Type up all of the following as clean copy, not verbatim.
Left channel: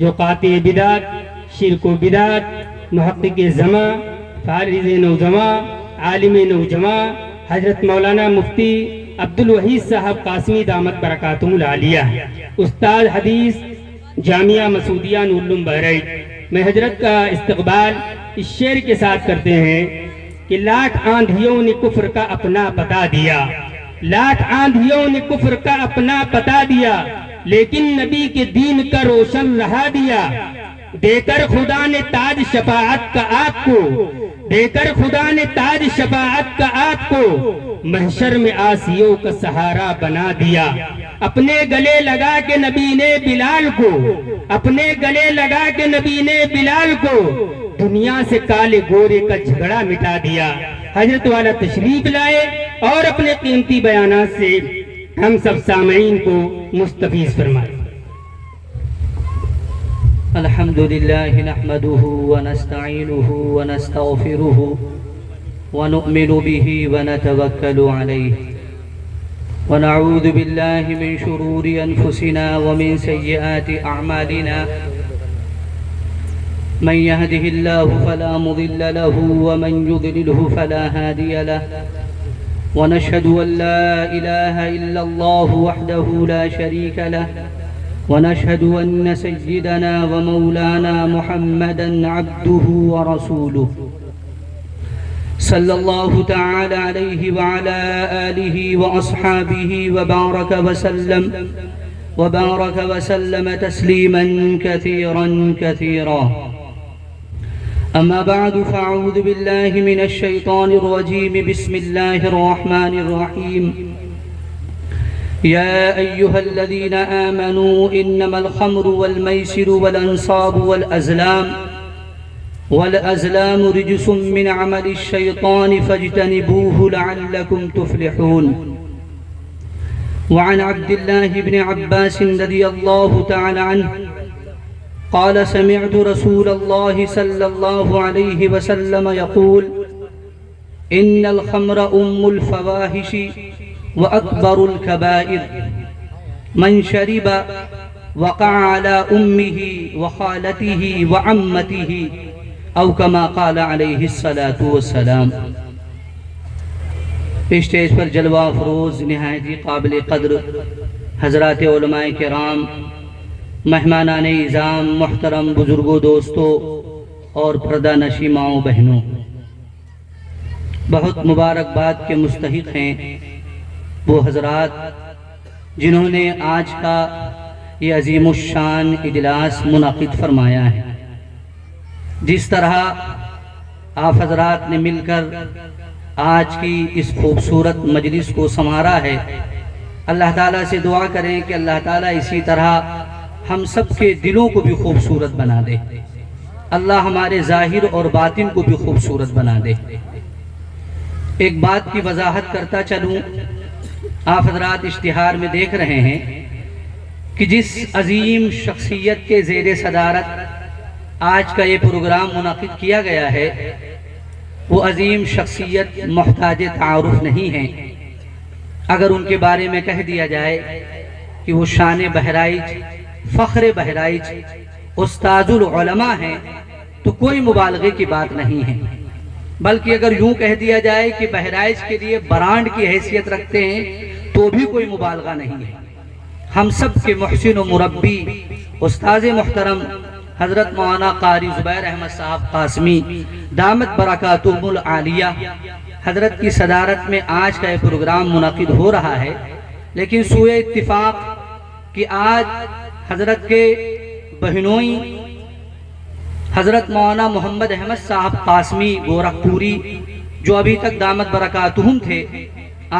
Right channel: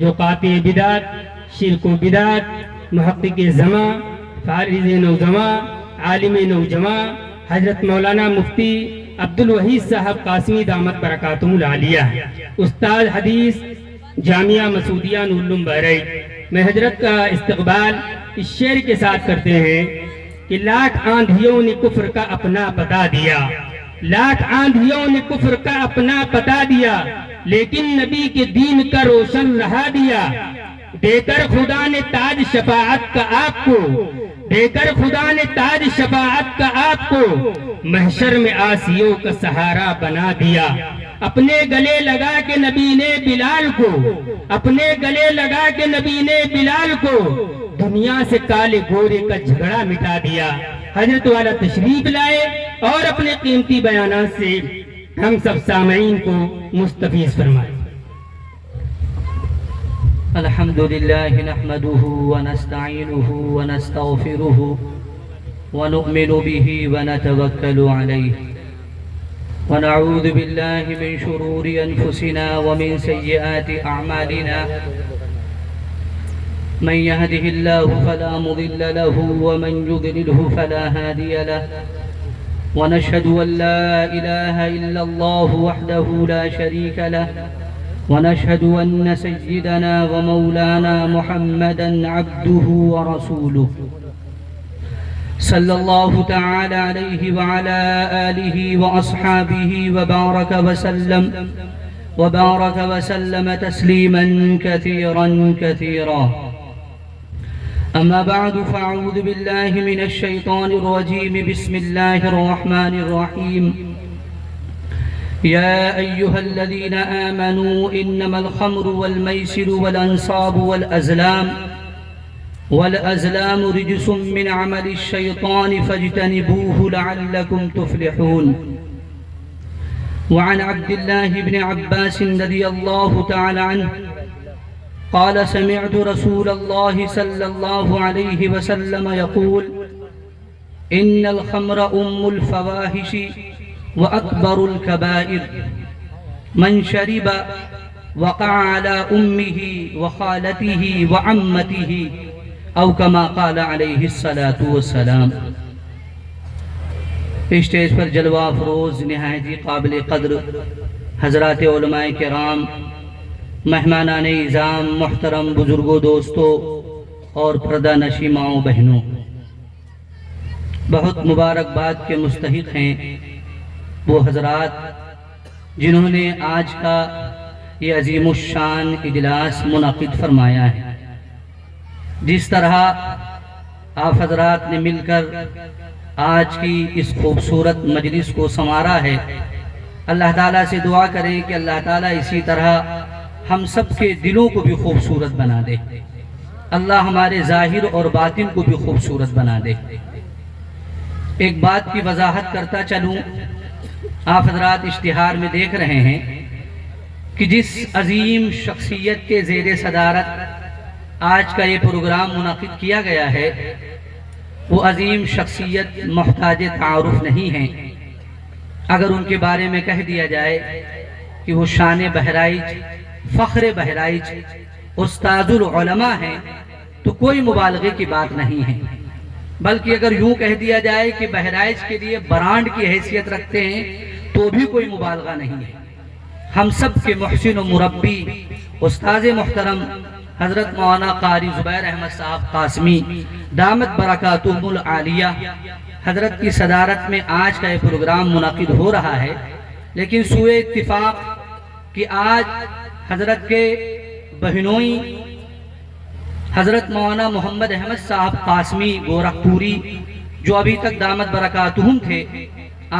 جو قاطع بدعت، شرک و بدعت، محقق زماں، فارغ نوجواں، عالم نوجواں حضرت مولانا مفتی عبدالوحید صاحب قاسمی دامت برکاتہم العالیہ، استاد حدیث جامعہ مسعودیہ نور بحرین، میں حضرت کا استقبال اس شعر کے ساتھ کرتے ہیں کہ لاکھ آندھیوں نے کفر کا اپنا بتا دیا، لاکھ آندھیوں نے کفر کا اپنا بتا دیا، لیکن نبی کے دین کا روشن رہا دیا، دے کر خدا نے تاج شفاعت کا آپ کو، دے کر خدا نے تاج شفاعت کا آپ کو، محشر میں آسیوں کا سہارا بنا دیا، اپنے گلے لگا کے نبی نے بلال کو، اپنے گلے لگا کے نبی نے بلال کو، دنیا سے کالے گورے کا جھگڑا مٹا دیا۔ حضرت والا تشریف لائے اور اپنے قیمتی بیانات سے ہم سب سامعین کو مستفیض فرمائے۔ الحمدللہ نحمده ونستعینه ونستغفره ونؤمن به ونتوکل علیہ ونعوذ باللہ من شرور انفسنا ومن سیئات اعمالنا من يهده الله فلا مضل له ومن يضلله فلا هادي له ونشهد أن لا إله إلا الله وحده لا شريك له ونشهد أن سيدنا ومولانا محمدا عبده ورسوله صلى الله تعالى عليه وعلى آله وأصحابه وبارك وسلم تسليما كثيرا كثيرا. أما بعد فأعوذ بالله من الشيطان الرجيم. بسم الله الرحمن الرحيم. يا أيها الذين آمنوا إنما الخمر والميسر والأنصاب والأزلام رجس من عمل الشيطان فاجتنبوه لعلكم تفلحون. وعن عبد الله بن عباس رضي الله تعالى عنه قال سمعت رسول الله صلى الله عليه وسلم يقول إن الخمر أم الفواحش وأكبر الكبائر من شرب وقع على أمه وخالته وعمته أو كما قال عليه الصلاة والسلام. اسٹیج پر جلوہ افروز نہایت ہی قابل قدر حضرات علماء کرام، مہمانان اعظام، محترم بزرگوں، دوستوں اور پردہ نشی ماؤں بہنوں، بہت مبارکباد کے مستحق ہیں وہ حضرات جنہوں نے آج کا یہ عظیم الشان اجلاس منعقد فرمایا ہے. جس طرح آپ حضرات نے مل کر آج کی اس خوبصورت مجلس کو سنوارا ہے، اللہ تعالیٰ سے دعا کریں کہ اللہ تعالیٰ اسی طرح ہم سب کے دلوں کو بھی خوبصورت بنا دے، اللہ ہمارے ظاہر اور باطن کو بھی خوبصورت بنا دے. ایک بات کی وضاحت کرتا چلوں، آپ حضرات اشتہار میں دیکھ رہے ہیں کہ جس عظیم شخصیت کے زیر صدارت آج کا یہ پروگرام منعقد کیا گیا ہے، وہ عظیم شخصیت محتاج تعارف نہیں ہے. اگر ان کے بارے میں کہہ دیا جائے کہ وہ شان بہرائچ، فخر بہرائچ، استاد العلماء ہیں تو کوئی مبالغے کی بات نہیں ہے، بلکہ اگر یوں کہہ دیا جائے کہ بہرائچ کے لیے برانڈ کی حیثیت رکھتے ہیں تو بھی کوئی مبالغہ نہیں ہے. ہم سب کے محسن و مربی استاذ محترم حضرت مولانا قاری زبیر احمد صاحب قاسمی دامت برکاتہم العالیہ حضرت کی صدارت میں آج کا یہ پروگرام منعقد ہو رہا ہے. لیکن سوئے اتفاق کہ آج حضرت کے بہنوئی حضرت مولانا محمد احمد صاحب قاسمی گورکھپوری جو ابھی تک دامت برکاتہم تھے،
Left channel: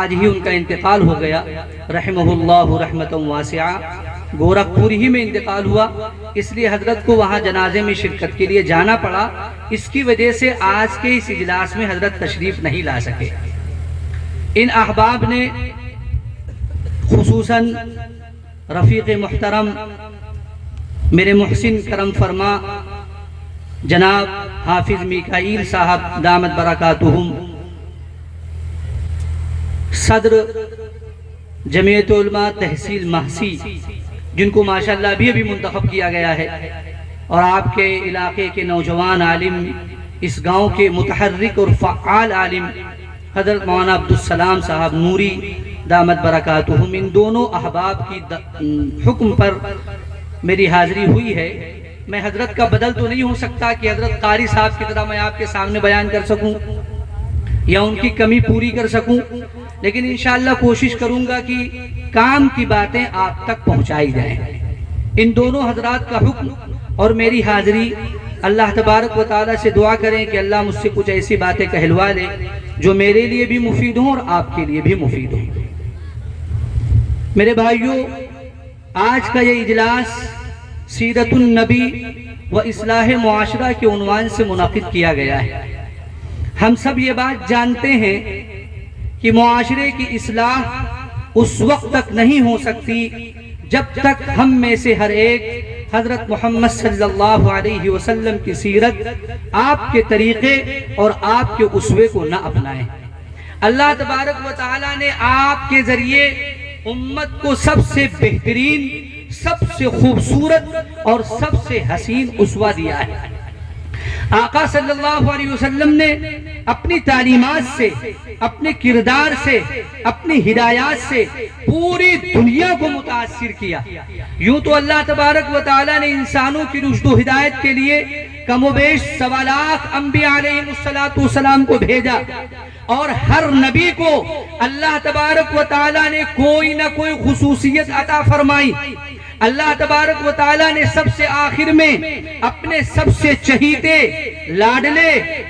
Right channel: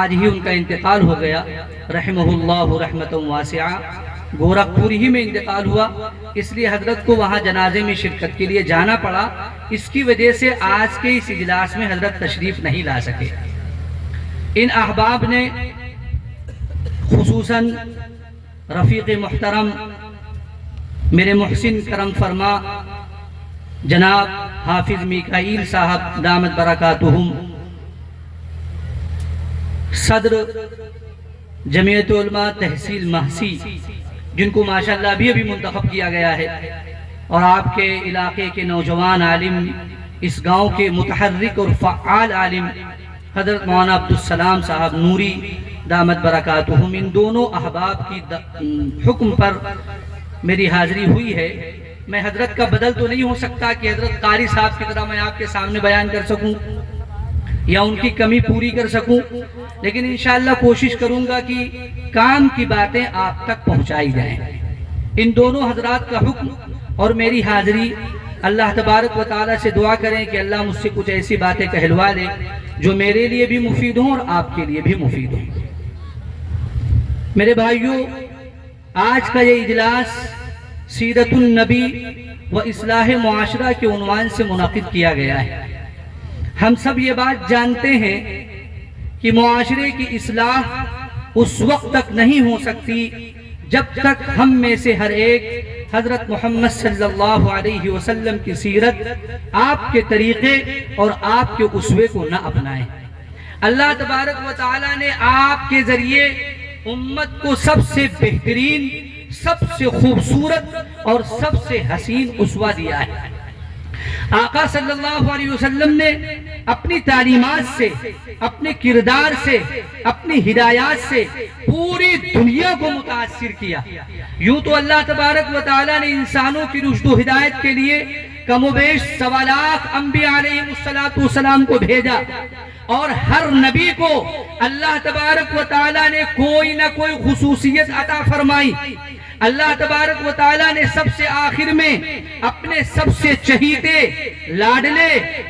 آج ہی ان کا انتقال ہو گیا، رحمہ اللہ رحمۃ واسعہ. گورکھپور ہی میں انتقال ہوا، اس لیے حضرت کو وہاں جنازے میں شرکت کے لیے جانا پڑا. اس کی وجہ سے آج کے اس اجلاس میں حضرت تشریف نہیں لا سکے. ان احباب نے خصوصاً رفیق محترم میرے محسن کرم فرما جناب حافظ میکائیل صاحب دامت برکاتہم، صدر جمعیت علماء تحصیل محسی، جن کو ماشاءاللہ ابھی منتخب کیا گیا ہے، اور آپ کے علاقے کے نوجوان عالم، اس گاؤں کے متحرک اور فعال عالم حضرت مولانا عبدالسلام صاحب نوری دامت برکاتہم، ان دونوں احباب کی حکم پر میری حاضری ہوئی ہے۔ میں حضرت کا بدل تو نہیں ہو سکتا کہ حضرت قاری صاحب کی طرح میں آپ کے سامنے بیان کر سکوں یا ان کی کمی پوری کر سکوں، لیکن انشاءاللہ کوشش کروں گا کہ کام کی باتیں آپ تک پہنچائی جائیں۔ ان دونوں حضرات کا حکم اور میری حاضری، اللہ تبارک و تعالیٰ سے دعا کریں کہ اللہ مجھ سے کچھ ایسی باتیں کہلوا لے جو میرے لیے بھی مفید ہوں اور آپ کے لیے بھی مفید ہوں۔ میرے بھائیوں، آج کا یہ اجلاس سیرت النبی و اصلاح معاشرہ کے عنوان سے منعقد کیا گیا ہے۔ ہم سب یہ بات جانتے ہیں کہ معاشرے کی اصلاح اس وقت تک نہیں ہو سکتی جب تک ہم میں سے ہر ایک حضرت محمد صلی اللہ علیہ وسلم کی سیرت، آپ کے طریقے اور آپ کے اسوے کو نہ اپنائیں۔ اللہ تبارک و تعالیٰ نے آپ کے ذریعے امت کو سب سے بہترین، سب سے خوبصورت اور سب سے حسین اسوہ دیا ہے۔ آقا صلی اللہ علیہ وسلم نے اپنی تعلیمات سے، اپنے کردار سے، اپنی ہدایات سے پوری دنیا کو متاثر کیا۔ یوں تو اللہ تبارک و تعالیٰ نے انسانوں کی رشد و ہدایت کے لیے کم و بیش 1.25 لاکھ انبیاء علیہ السلام کو بھیجا، اور ہر نبی کو اللہ تبارک و تعالیٰ نے کوئی نہ کوئی خصوصیت عطا فرمائی۔ اللہ تبارک و تعالیٰ نے سب سے آخر میں اپنے سب سے چہیتے، لاڈلے،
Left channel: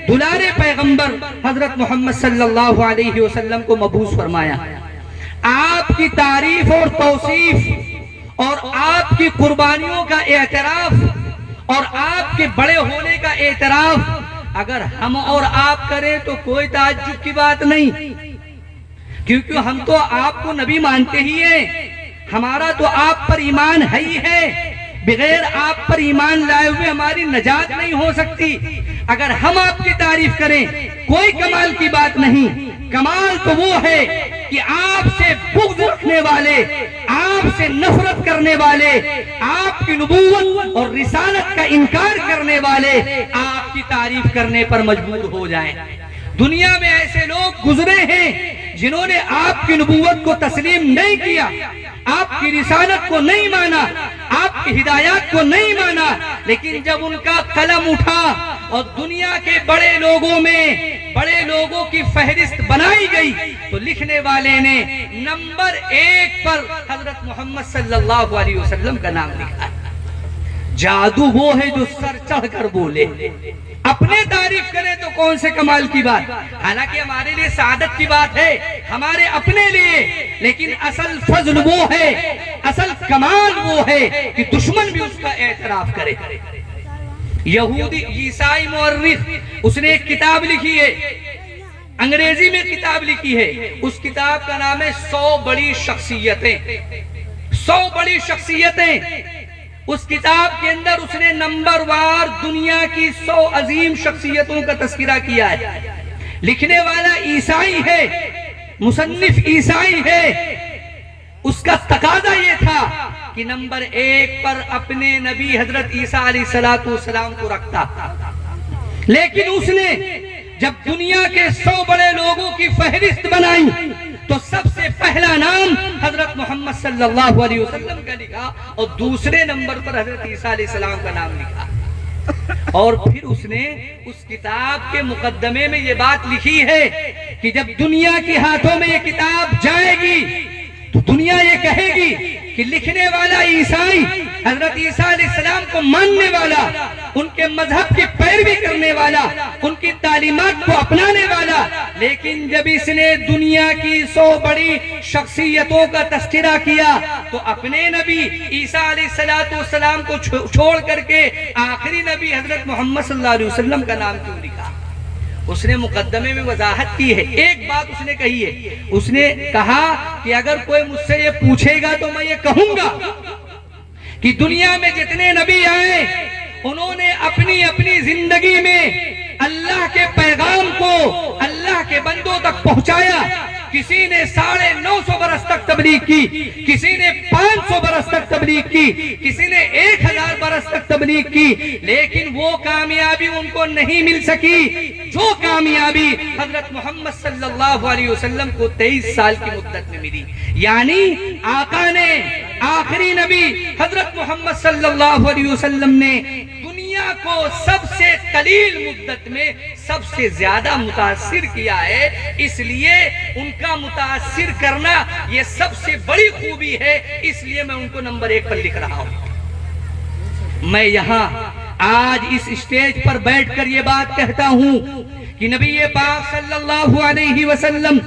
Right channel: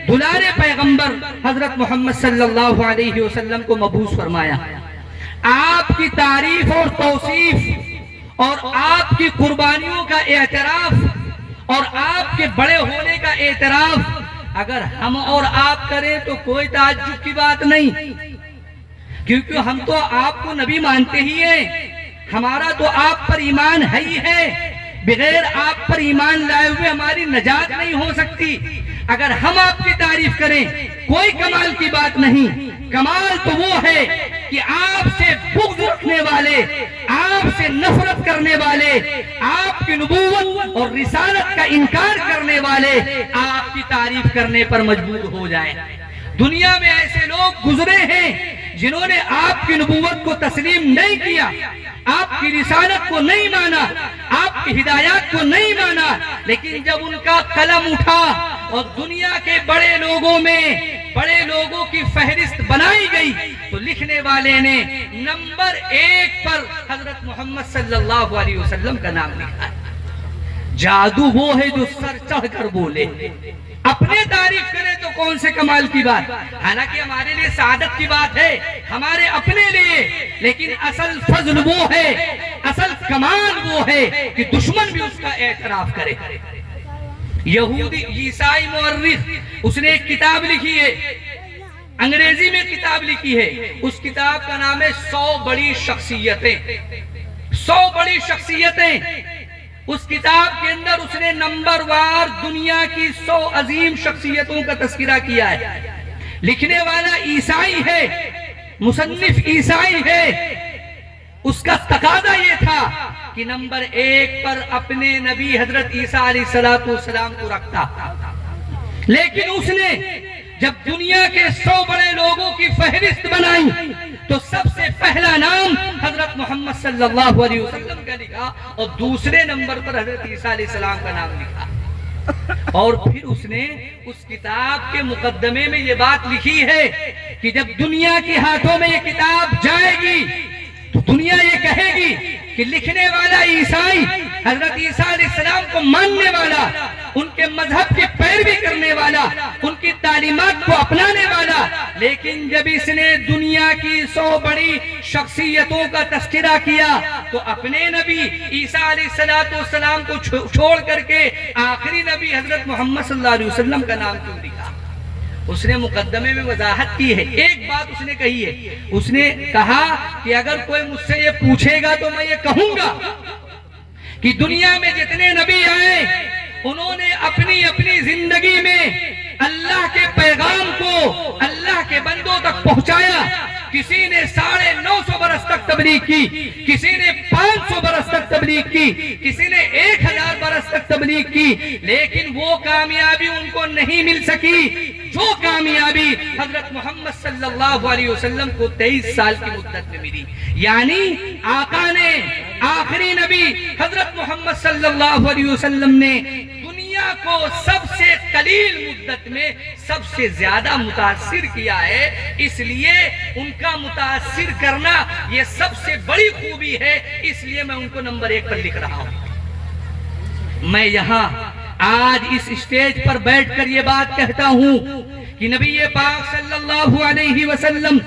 دلارے پیغمبر حضرت محمد صلی اللہ علیہ وسلم کو مبعوث فرمایا۔ آپ کی تعریف اور توصیف اور آپ کی قربانیوں کا اعتراف اور آپ کے بڑے ہونے کا اعتراف اگر ہم اور آپ کریں تو کوئی تعجب کی بات نہیں، کیونکہ ہم تو آپ کو نبی مانتے ہی ہیں۔ ہمارا تو آپ پر ایمان ہے ہی ہے، بغیر آپ پر ایمان لائے ہوئے ہماری نجات نہیں ہو سکتی۔ اگر ہم آپ کی تعریف کریں کوئی کمال کی بات نہیں، کمال تو وہ ہے کہ آپ سے بغض رکھنے والے، آپ سے نفرت کرنے والے، آپ کی نبوت اور رسالت کا انکار کرنے والے آپ کی تعریف کرنے پر مجبور ہو جائیں۔ دنیا میں ایسے لوگ گزرے ہیں جنہوں نے آپ کی نبوت کو تسلیم نہیں کیا، آپ کی رسالت کو نہیں مانا، آپ کی ہدایات کو نہیں مانا، لیکن جب ان کا قلم اٹھا اور دنیا کے بڑے لوگوں میں بڑے لوگوں کی فہرست بنائی گئی تو لکھنے والے نے نمبر 1 پر حضرت محمد صلی اللہ علیہ وسلم کا نام لکھا۔ جادو وہ ہے جو سر چڑھ کر بولے، اپنے تعریف کرے تو کون سے کمال کی بات، حالانکہ ہمارے لیے سعادت کی بات ہے، ہمارے اپنے لیے، لیکن اصل فضل وہ ہے، اصل کمال وہ ہے کہ دشمن بھی اس کا اعتراف کرے۔ یہودی عیسائی مورخ، اس نے ایک کتاب لکھی ہے، انگریزی میں کتاب لکھی ہے، اس کتاب کا نام ہے 100 بڑی شخصیتیں۔ 100 بڑی شخصیتیں، اس کتاب کے اندر اس نے نمبر وار دنیا کی 100 عظیم شخصیتوں کا تذکرہ کیا ہے۔ لکھنے والا عیسائی ہے، مصنف عیسائی ہے، اس کا تقاضا یہ تھا کہ نمبر 1 پر اپنے نبی حضرت عیسیٰ علیہ السلام کو رکھتا، لیکن اس نے جب دنیا کے 100 بڑے لوگوں کی فہرست بنائی تو سب سے پہلا نام حضرت محمد صلی اللہ علیہ وسلم کا لکھا اور دوسرے نمبر پر حضرت عیسیٰ علیہ السلام کا نام لکھا۔ اور پھر اس نے اس کتاب کے مقدمے میں یہ بات لکھی ہے کہ جب دنیا کے ہاتھوں میں یہ کتاب جائے گی تو دنیا یہ کہے گی کہ لکھنے والا عیسائی حضرت عیسیٰ علیہ السلام کو ماننے والا، ان کے مذہب کی پیروی کرنے والا، ان کی تعلیمات کو اپنانے والا، لیکن جب اس نے دنیا کی 100 بڑی شخصیتوں کا تذکرہ کیا تو اپنے نبی عیسیٰ علیہ السلام کو چھوڑ کر کے آخری نبی حضرت محمد صلی اللہ علیہ وسلم کا نام کیوں لکھا؟ اس نے مقدمے میں وضاحت کی ہے، ایک بات اس نے کہی ہے، اس نے کہا کہ اگر کوئی مجھ سے یہ پوچھے گا تو میں یہ کہوں گا کہ دنیا میں جتنے نبی آئے انہوں نے اپنی اپنی زندگی میں اللہ کے پیغام کو اللہ کے بندوں تک پہنچایا۔ کسی نے 950 برس تک تبلیغ کی، کسی نے 500 برس تک تبلیغ کی، کسی نے 1000 برس تک تبلیغ کی، لیکن وہ کامیابی ان کو نہیں مل سکی جو کامیابی حضرت محمد صلی اللہ علیہ وسلم کو 23 سال کی مدت میں ملی. یعنی آقا نے، آخری نبی حضرت محمد صلی اللہ علیہ وسلم نے دنیا کو سب سے قلیل مدت میں سب سے زیادہ متاثر کیا ہے. اس لیے ان کا متاثر کرنا یہ سب سے بڑی خوبی ہے، اس لیے میں ان کو نمبر 1 پر لکھ رہا ہوں. میں یہاں آج اس اسٹیج پر بیٹھ کر یہ بات کہتا ہوں کہ نبی پاک صلی اللہ علیہ وسلم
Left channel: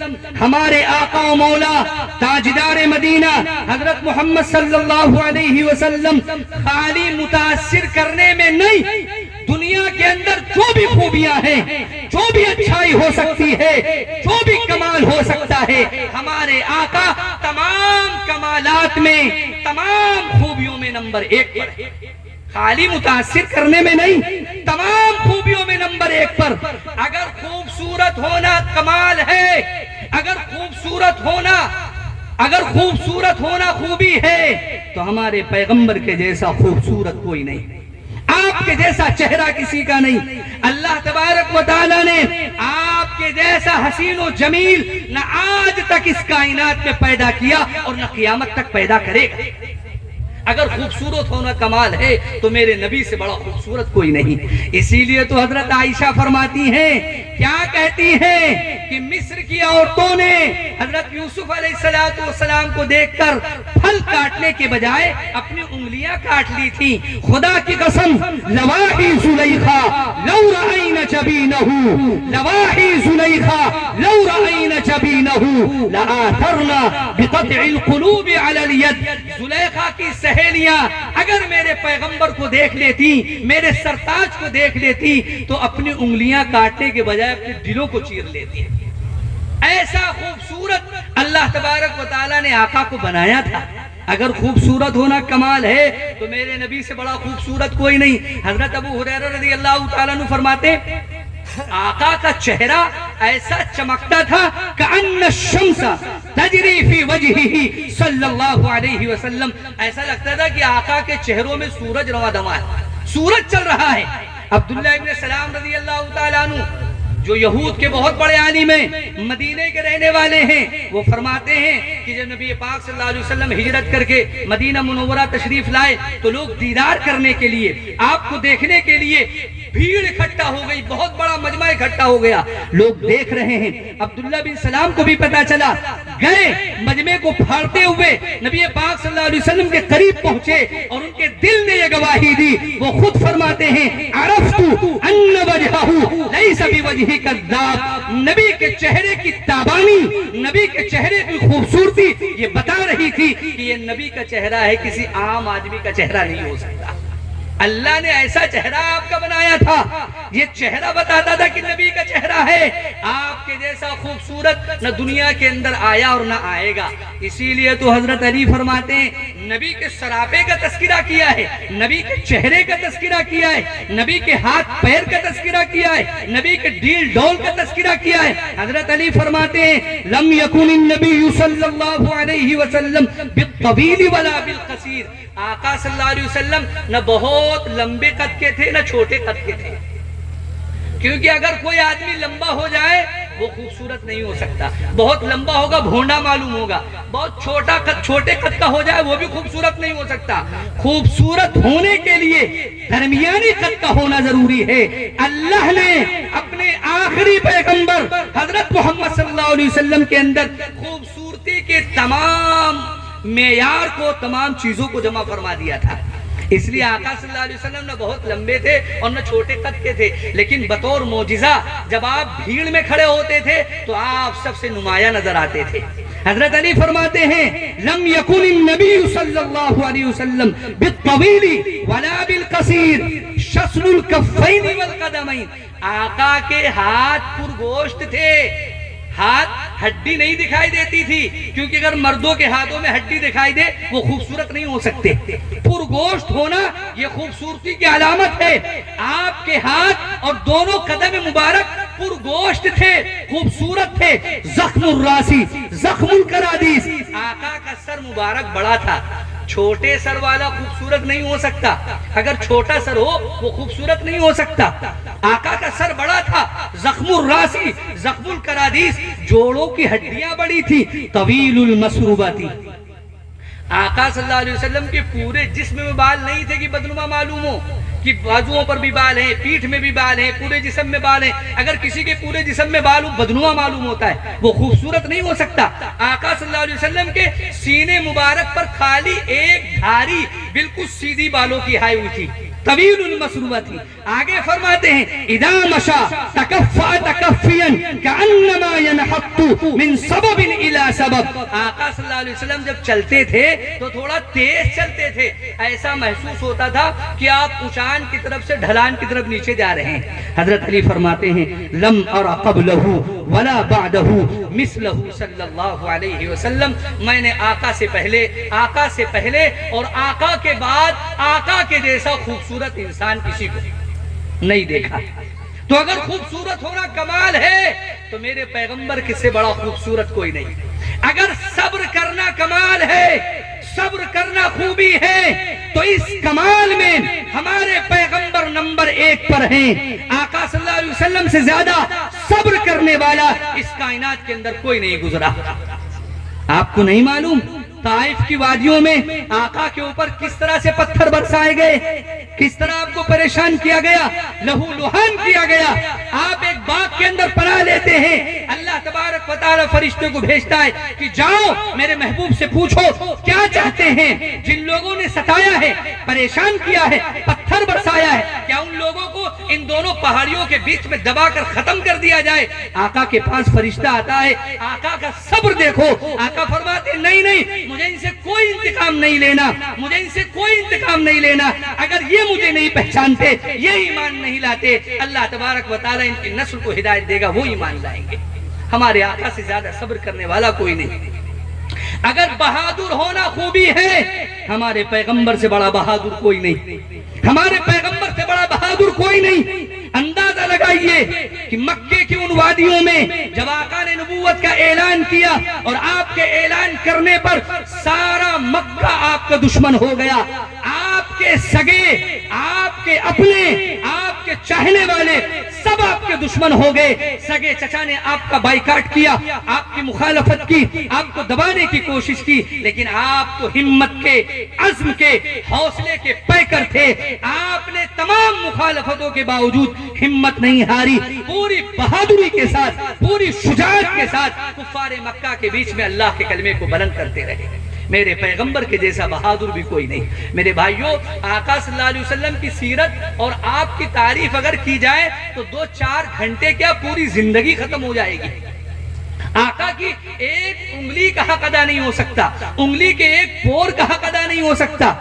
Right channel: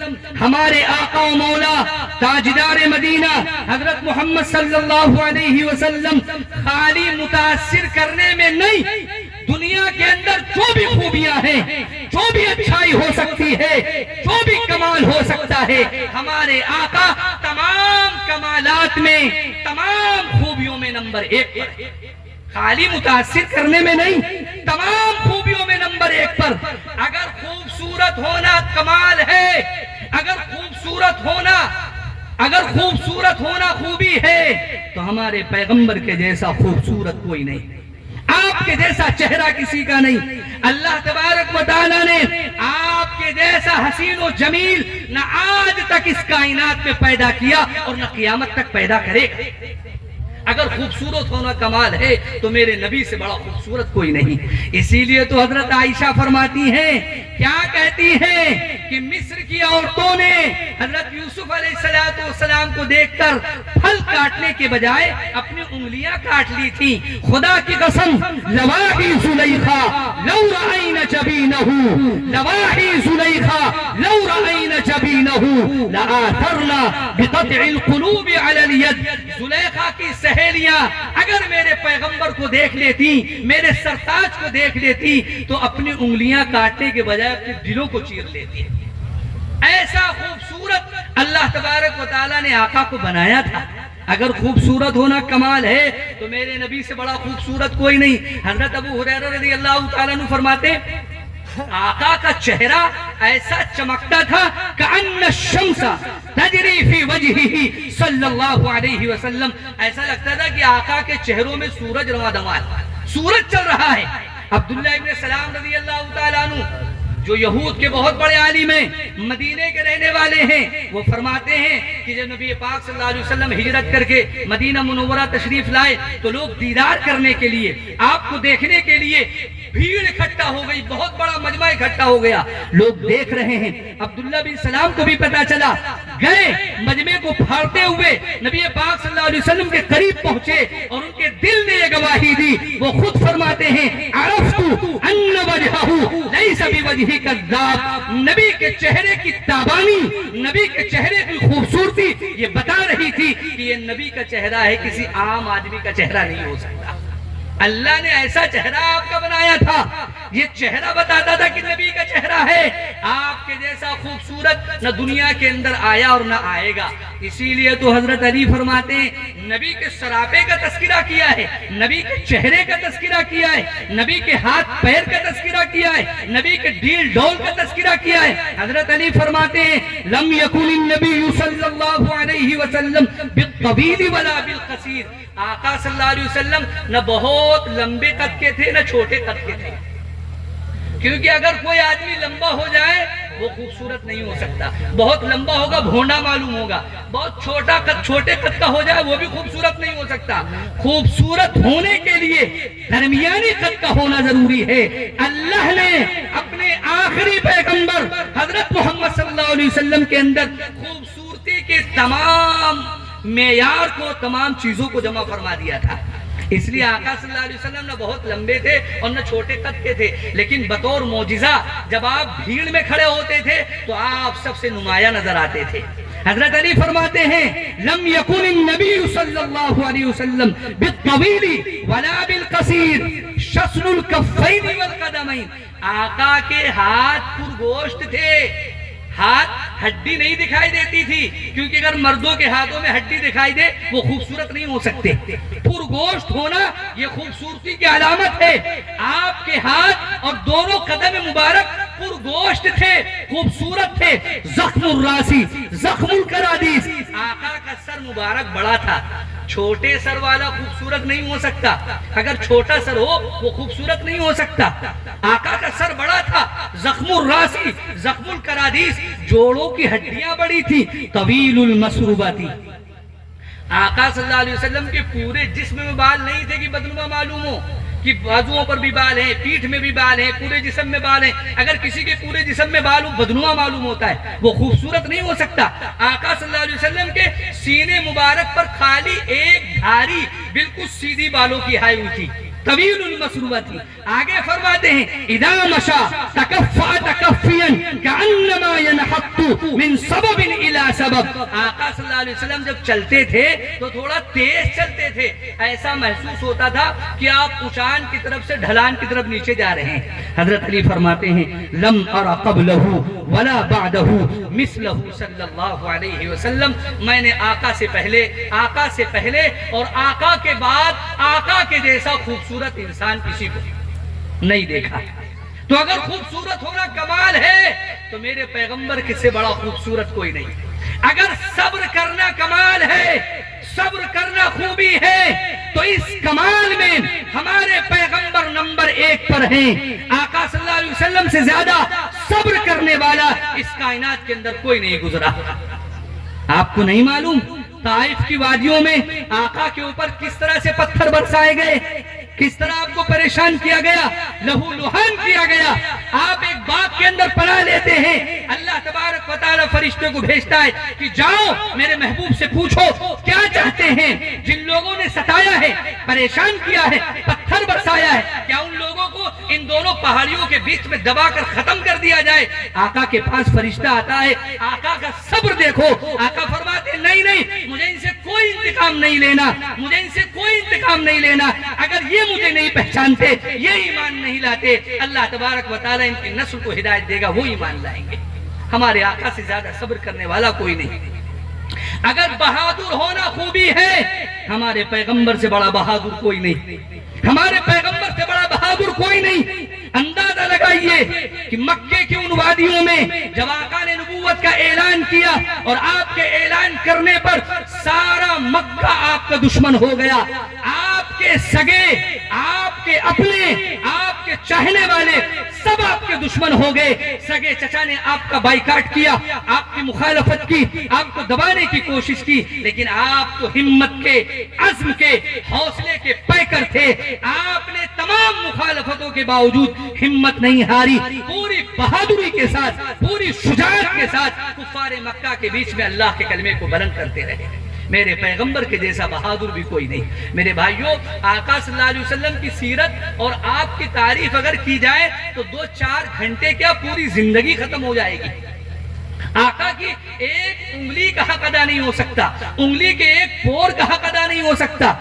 ہمارے آقا و مولا تاجدار مدینہ حضرت محمد صلی اللہ علیہ وسلم خالی متاثر کرنے میں نہیں، دنیا کے اندر جو بھی خوبیاں ہیں، جو بھی اچھائی ہو سکتی ہے، جو بھی کمال ہو سکتا ہے، ہمارے آقا تمام کمالات میں، تمام خوبیوں میں نمبر 1 پر. خالی متاثر کرنے میں نہیں، تمام خوبیوں میں نمبر 1 پر. اگر خوبصورت ہونا کمال ہے، اگر خوبصورت ہونا خوبی ہے، تو ہمارے پیغمبر کے جیسا خوبصورت کوئی نہیں، آپ کے جیسا چہرہ کسی کا نہیں. اللہ تبارک و تعالیٰ نے آپ کے جیسا حسین و جمیل نہ آج تک اس کائنات میں پیدا کیا اور نہ قیامت تک پیدا کرے گا. اگر خوبصورت ہونا کمال ہے تو میرے نبی سے بڑا خوبصورت کوئی نہیں. اسی لیے تو حضرت عائشہ فرماتی ہیں، کیا کہتی ہیں کہ مصر کی عورتوں نے حضرت یوسف علیہ السلام کو دیکھ کر پھل کاٹنے کے بجائے اپنی انگلیاں کاٹ لی تھی. خدا کی قسم، لواحی زلیخا لو رأین جبینہ، لواحی زلیخا لو رأین جبینہ لآثرنا بقطع القلوب علی الید. زلیخا کی سہیلیاں اگر میرے پیغمبر کو دیکھ لیتی، میرے سرتاج کو دیکھ لیتی، تو اپنی انگلیاں کاٹنے کے بجائے اپنے دلوں کو چیر لیتی. ایسا خوبصورت اللہ تبارک و تعالیٰ نے آقا کو بنایا تھا. اگر خوبصورت ہونا کمال ہے تو میرے نبی سے بڑا خوبصورت کوئی نہیں. حضرت ابو ہریرہ رضی اللہ تعالیٰ عنہ فرماتے، آقا کا چہرہ ایسا چمکتا تھا کأن الشمس تجری فی وجہہ صلی اللہ علیہ وسلم. ایسا لگتا تھا کہ آقا کے چہروں میں سورج رواں دماں، سورج چل رہا ہے. عبداللہ ابن سلام رضی اللہ تعالیٰ عنہ جو یہود کے بہت بڑے عالم ہیں، مدینے کے رہنے والے ہیں، وہ فرماتے ہیں کہ جب نبی پاک صلی اللہ علیہ وسلم ہجرت کر کے مدینہ منورہ تشریف لائے تو لوگ دیدار کرنے کے لیے، آپ کو دیکھنے کے لیے بھیڑ اکٹھا ہو گئی، بہت بڑا مجمع اکٹھا ہو گیا. لوگ دیکھ رہے ہیں. عبداللہ بن سلام کو بھی پتا چلا، گئے مجمع کو پھاڑتے ہوئے نبی پاک صلی اللہ علیہ وسلم کے قریب پہنچے اور ان کے دل نے یہ گواہی دی. وہ خود فرماتے ہیں، عرفت ان وجہہ لیس بوجہ کذاب. نبی کے چہرے کی تابانی، نبی کے چہرے کی خوبصورتی یہ بتا رہی تھی کہ یہ نبی کا چہرہ ہے، کسی عام آدمی کا چہرہ نہیں ہو سکتا. اللہ نے ایسا چہرہ آپ کا بنایا تھا، یہ چہرہ بتاتا تھا کہ نبی کا چہرہ ہے. آپ کے جیسا خوبصورت نہ دنیا کے اندر آیا اور نہ آئے گا. اسی لیے تو حضرت علی فرماتے ہیں، نبی کے سراپے کا تذکرہ کیا ہے، نبی کے چہرے کا تذکرہ کیا ہے، نبی کے ہاتھ پیر کا تذکرہ کیا ہے، نبی کے ڈیل ڈول کا تذکرہ کیا ہے. حضرت علی فرماتے ہیں، لم یکن النبی صلی اللہ علیہ وسلم بالطویل ولا بالقصیر. آقا صلی اللہ علیہ وسلم نہ بہت لمبے قد کے تھے نہ چھوٹے قد کے تھے. کیونکہ اگر کوئی آدمی لمبا ہو جائے وہ خوبصورت نہیں ہو سکتا. بہت لمبا ہوگا بھونڈا معلوم ہوگا. بہت چھوٹا قد، چھوٹے قد کا ہو جائے وہ بھی خوبصورت نہیں ہو سکتا. خوبصورت ہونے کے لیے درمیانی قد کا ہونا ضروری ہے. اللہ نے اپنے آخری پیغمبر حضرت محمد صلی اللہ علیہ وسلم کے اندر خوبصورتی کے تمام معیار کو، تمام چیزوں کو جمع فرما دیا تھا. اس لیے آقا صلی اللہ علیہ وسلم نہ بہت لمبے تھے اور نہ چھوٹے قد کے تھے، لیکن بطور معجزہ جب آپ بھیڑ میں کھڑے ہوتے تھے تو آپ سب سے نمایاں نظر آتے تھے. حضرت علی فرماتے ہیں، لم یکن النبی صلی اللہ علیہ وسلم بالطویل ولا بالقصیر شسن الکفین والقدمین. آقا کے ہاتھ پرگوشت تھے، ہاتھ ہڈی نہیں دکھائی دیتی تھی، کیونکہ اگر مردوں کے ہاتھوں میں ہڈی دکھائی دے وہ خوبصورت نہیں ہو سکتے. پرگوشت ہونا یہ خوبصورتی کی علامت ہے. آپ کے ہاتھ اور دونوں قدم مبارک پرگوشت تھے، خوبصورت تھے، زخم الراسی، زخم القرادیس. آقا کا سر مبارک بڑا تھا. چھوٹے سر والا خوبصورت نہیں ہو سکتا. اگر چھوٹا سر ہو وہ خوبصورت نہیں ہو سکتا. آقا کا سر بڑا تھا، زخم الراسی، زخم القرادیس، جوڑوں کی ہڈیاں بڑی تھی، طویل المسروبہ تھی. آقا صلی اللہ علیہ وسلم کے پورے جسم میں بال نہیں تھے کہ بدنما معلوم ہو کہ بازوؤں پر بھی بال ہیں، پیٹھ میں بھی بال ہیں، پورے جسم میں بال ہیں. اگر کسی کے پورے جسم میں بال بدنما معلوم ہوتا ہے وہ خوبصورت نہیں ہو سکتا. آقا صلی اللہ علیہ وسلم کے سینے مبارک پر خالی ایک دھاری بالکل سیدھی بالوں کی ہائی ہوئی تھی، طویل المسروبہ تھی. آگے فرماتے ہیں اذا مشى تکفا تکفیا کانما ينحط من سبب الى سبب. آقا صلی اللہ علیہ وسلم جب چلتے تھے تو تھوڑا تیز چلتے تھے، ایسا محسوس ہوتا تھا کہ آپ اونچان کی طرف سے ڈھلان کی طرف نیچے جا رہے ہیں. حضرت علی فرماتے ہیں لم ارى قبله ولا بعده مثله صلی اللہ علیہ وسلم. میں نے آقا سے پہلے اور آقا کے بعد آقا کے جیسا خوبصورت انسان کسی کو نہیں دیکھا. تو اگر خوبصورت ہونا کمال ہے تو میرے پیغمبر سے بڑا خوبصورت کوئی نہیں. اگر صبر کرنا کمال ہے، صبر کرنا خوبی ہے، تو اس کمال میں ہمارے پیغمبر نمبر 1 پر ہیں. آقا صلی اللہ علیہ وسلم سے زیادہ صبر کرنے والا اس کائنات کے اندر کوئی نہیں گزرا. آپ کو نہیں معلوم طائف کی وادیوں میں آقا کے اوپر کس طرح سے پتھر برسائے گئے، کس طرح آپ کو پریشان کیا گیا، لہو لہان کیا گیا. آپ ایک باغ کے اندر پناہ لیتے ہیں، اللہ تبارک و تعالی فرشتے کو بھیجتا ہے کہ جاؤ میرے محبوب سے پوچھو کیا چاہتے ہیں. جن لوگوں نے ستایا ہے، پریشان کیا ہے، پتھر برسایا ہے، کیا ان لوگوں کو ان دونوں پہاڑیوں کے بیچ میں دبا کر ختم کر دیا جائے؟ آقا کے پاس فرشتہ آتا ہے، آقا کا صبر دیکھو. آقا فرماتے نہیں، مجھے ان سے کوئی انتقام نہیں لینا، مجھے ان سے کوئی انتقام نہیں لینا. اگر یہ مجھے نہیں پہچانتے، یہ ایمان نہیں لاتے، اللہ تبارک و تعالی ان کی نسل کو ہدایت دے گا، وہ ایمان لائیں گے. ہمارے آقا سے زیادہ صبر کرنے والا کوئی نہیں. اگر بہادر ہونا خوبی ہے، ہمارے پیغمبر سے بڑا بہادر کوئی نہیں، ہمارے پیغمبر سے بڑا بہادر کوئی نہیں. اندازہ لگائیے کہ مکے کی ان وادیوں میں جب آقا نے نبوت کا اعلان کیا اور آپ کے اعلان کرنے پر سارا مکہ آپ کا دشمن ہو گیا. آپ کے سگے، آپ کے اپنے، آپ کے چاہنے والے سب آپ کے دشمن ہو گئے. سگے چچا نے آپ کا بائیکاٹ کیا، آپ کی مخالفت کی، آپ کو دبانے کی کوشش کی، لیکن آپ تو ہمت کے، عزم کے، حوصلے کے پیکر تھے. آپ نے تمام مخالفتوں کے باوجود ہمت نہیں ہاری، پوری بہادری کے ساتھ، پوری شجاعت کے ساتھ کفار مکہ کے بیچ میں اللہ کے کلمے کو بلند کرتے رہے. میرے پیغمبر کے جیسا بہادر بھی کوئی نہیں. میرے بھائیوں، آقا صلی اللہ علیہ وسلم کی سیرت اور آپ کی تعریف اگر کی جائے تو 2-4 گھنٹے کیا پوری زندگی ختم ہو جائے گی. آقا کی ایک انگلی کا حق ادا نہیں ہو سکتا، انگلی کے ایک پور کا حق ادا نہیں ہو سکتا.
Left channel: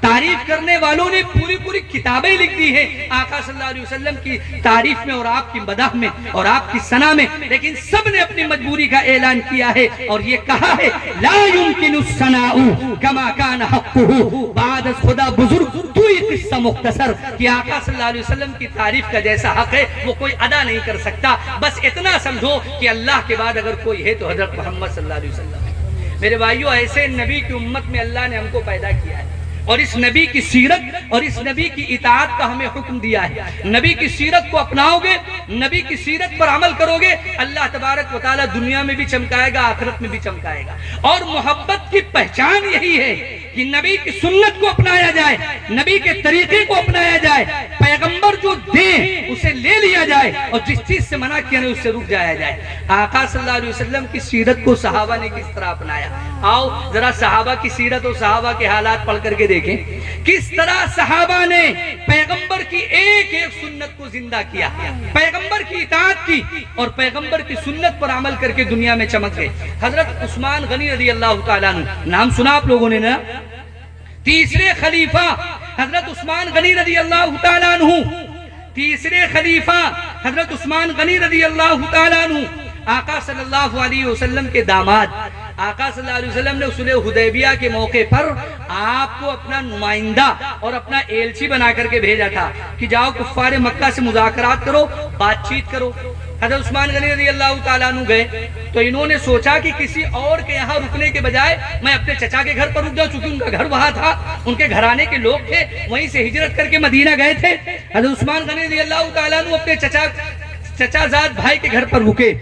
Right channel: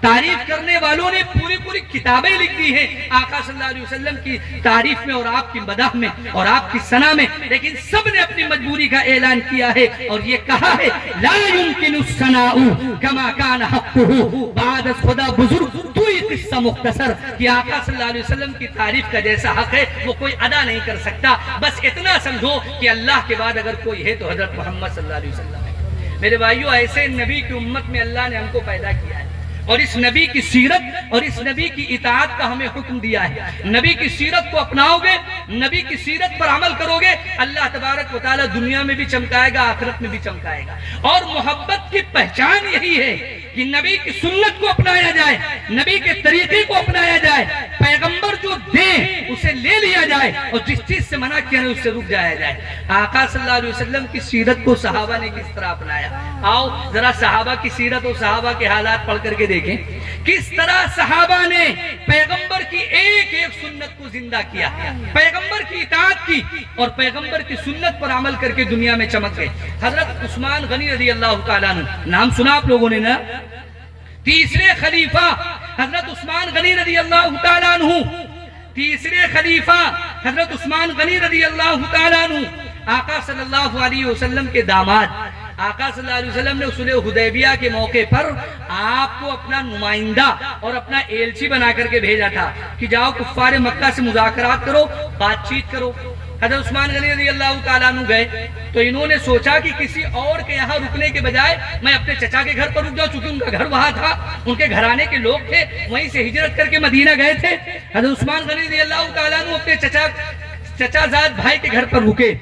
تعریف کرنے والوں نے پوری کتابیں لکھ دی ہیں آقا صلی اللہ علیہ وسلم کی تعریف میں اور آپ کی مدح میں اور آپ کی ثنا میں، لیکن سب نے اپنی مجبوری کا اعلان کیا ہے اور یہ کہا ہے لا يمكن الثناء كما كان حقه بعد خدا بزرگ تو یہ قصہ مختصر کہ آقا صلی اللہ علیہ وسلم کی تعریف کا جیسا حق ہے وہ کوئی ادا نہیں کر سکتا. بس اتنا سمجھو کہ اللہ کے بعد اگر کوئی ہے تو حضرت محمد صلی اللہ علیہ وسلم ہے. میرے بھائیوں، ایسے نبی کی امت میں اللہ نے ہم کو پیدا کیا ہے اور اس نبی کی سیرت اور اس نبی کی اطاعت کا ہمیں حکم دیا ہے. نبی کی سیرت کو اپناؤ گے، نبی کی سیرت پر عمل کرو گے، اللہ تبارک و تعالی دنیا میں بھی چمکائے گا، آخرت میں بھی چمکائے گا. اور محبت کی پہچان یہی ہے کہ نبی کی سنت کو اپنایا جائے، نبی کے طریقے کو اپنایا جائے، پیغمبر جو دیں اسے لے لیا جائے اور جس چیز سے منع کیا ہے اس سے رک جایا جائے. آقا صلی اللہ علیہ وسلم کی سیرت کو صحابہ نے کس طرح اپنایا؟ آؤ ذرا صحابہ کی سیرت اور صحابہ کے حالات پڑھ کر کے دیکھیں کس طرح صحابہ نے پیغمبر کی ایک ایک سنت کو زندہ کیا، پیغمبر کی اطاعت کی اور پیغمبر کی سنت پر عمل کر کے دنیا میں چمک گئے. حضرت عثمان غنی رضی اللہ تعالیٰ عنہ، نام سنا آپ لوگوں نے نا؟ تیسرے خلیفہ حضرت عثمان غنی رضی اللہ تعالیٰ عنہ، تیسرے خلیفہ حضرت عثمان غنی رضی اللہ تعالیٰ عنہ، آقا صلی اللہ علیہ وسلم کے داماد. آقا صلی اللہ علیہ وسلم نے صلح حدیبیہ کے موقع پر آپ کو اپنا نمائندہ اور اپنا ایلچی بنا کر کے بھیجا تھا کہ جاؤ کفار مکہ سے مذاکرات کرو، بات چیت کرو. حضرت عثمان غنی رضی اللہ تعالیٰ عنہ گئے تو انہوں نے سوچا کہ کسی اور کے یہاں رکنے کے بجائے میں اپنے چچا کے گھر پر رک جاؤں، چونکہ ان کا گھر وہاں تھا، ان کے گھرانے کے لوگ تھے، وہیں سے ہجرت کر کے مدینہ گئے تھے۔ حضرت عثمان غنی رضی اللہ تعالیٰ عنہ اپنے چچا زاد بھائی کے گھر پر رکے،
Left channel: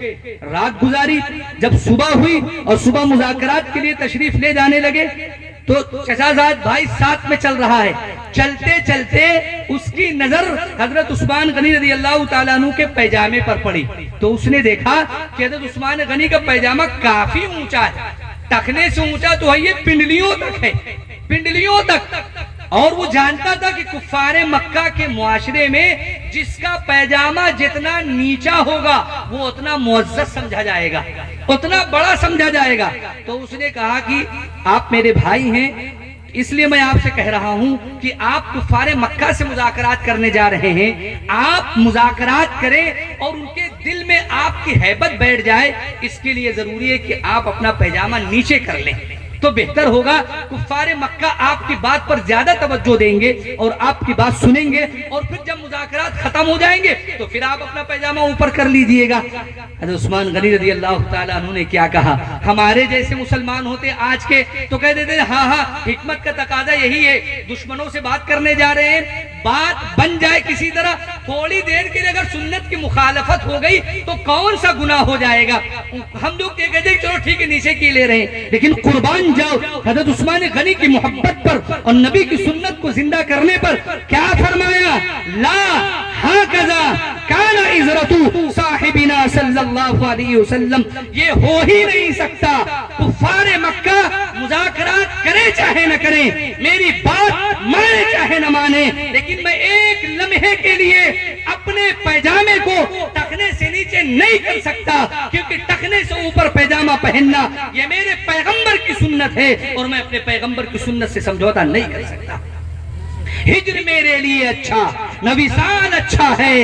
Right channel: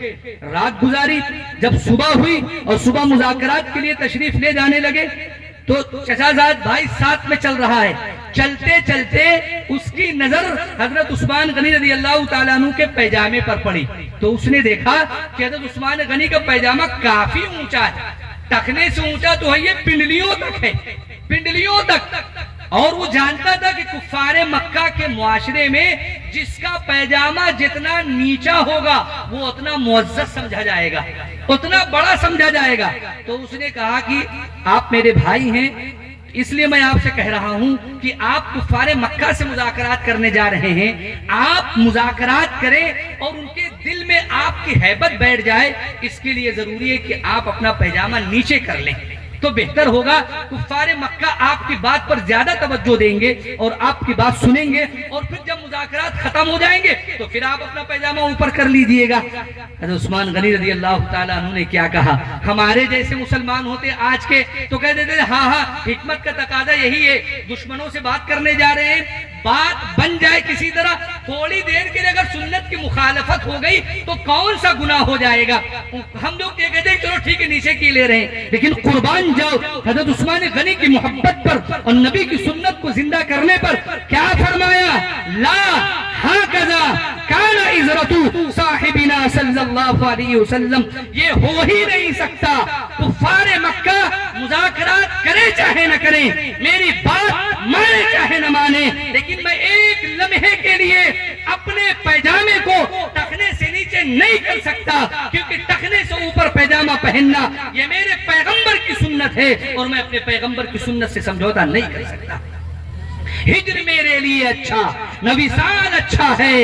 رات گزاری۔ جب صبح ہوئی اور صبح مذاکرات کے لیے تشریف لے جانے لگے تو چچا زاد بھائی ساتھ میں چل رہا ہے۔ چلتے چلتے اس کی نظر حضرت عثمان غنی رضی اللہ تعالیٰ عنہ کے پیجامے پر پڑی تو اس نے دیکھا کہ حضرت عثمان غنی کا پیجامہ کافی اونچا ہے، ٹخنے سے اونچا تو ہے، یہ پنڈلیوں تک ہے، پنڈلیوں تک۔ اور وہ جانتا تھا کہ کفار مکہ کے معاشرے میں جس کا پیجامہ جتنا نیچا ہوگا وہ اتنا معزز سمجھا جائے گا، اتنا بڑا سمجھا جائے گا۔ تو اس نے کہا کہ آپ میرے بھائی ہیں، اس لیے میں آپ سے کہہ رہا ہوں کہ آپ کفار مکہ سے مذاکرات کرنے جا رہے ہیں، آپ مذاکرات کریں اور ان کے دل میں آپ کی ہیبت بیٹھ جائے، اس کے لیے ضروری ہے کہ آپ اپنا پیجامہ نیچے کر لیں تو بہتر ہوگا۔ کفار مکہ آپ کی بات پر زیادہ توجہ دیں گے اور آپ کی بات سنیں گے، اور پھر جب مذاکرات ختم ہو جائیں گے تو پھر آپ اپنا پیجامہ اوپر کر لیجئے گا۔ حضرت عثمان غنی رضی اللہ تعالیٰ عنہ نے کیا کہا؟ ہمارے جیسے مسلمان ہوتے آج کے تو کہہ دیتے ہاں ہاں حکمت کا تقاضا یہی ہے، دشمنوں سے بات کرنے جا رہے ہیں، بات بن جائے کسی طرح، تھوڑی دیر کے لیے اگر سنت کی مخالفت ہو گئی تو کون سا گناہ ہو جائے گا؟ ہم لوگ کہتے ہیں چلو ٹھیک ہے نیچے کی لے رہے ہیں، لیکن قربان جاؤ حضرت عثمان غنی کی محبت پر اور نبی کی سنت کو زندہ کرنے پر کیا فرمایا؟ لا ہاکذا کان عزرت صاحبنا صلی اللہ علیہ وسلم، یہ ہو ہی نہیں سکتا۔ کفار مکہ مذاکرات کرے چاہے نہ کریں، میری بات مانے چاہے نہ مانے، لیکن میں ایک لمحے کے لیے اپنے پیجامے کو ٹخنے سے نیچے نہیں کر سکتا، کیونکہ ٹخنے سے اوپر پیجامہ پہننا یہ میرے پیغمبر کی سنت ہے اور میں اپنے پیغمبر کی سنت سے سمجھوتا نہیں کر سکتا۔ ہجر میرے لیے اچھا نہ وصال اچھا ہے،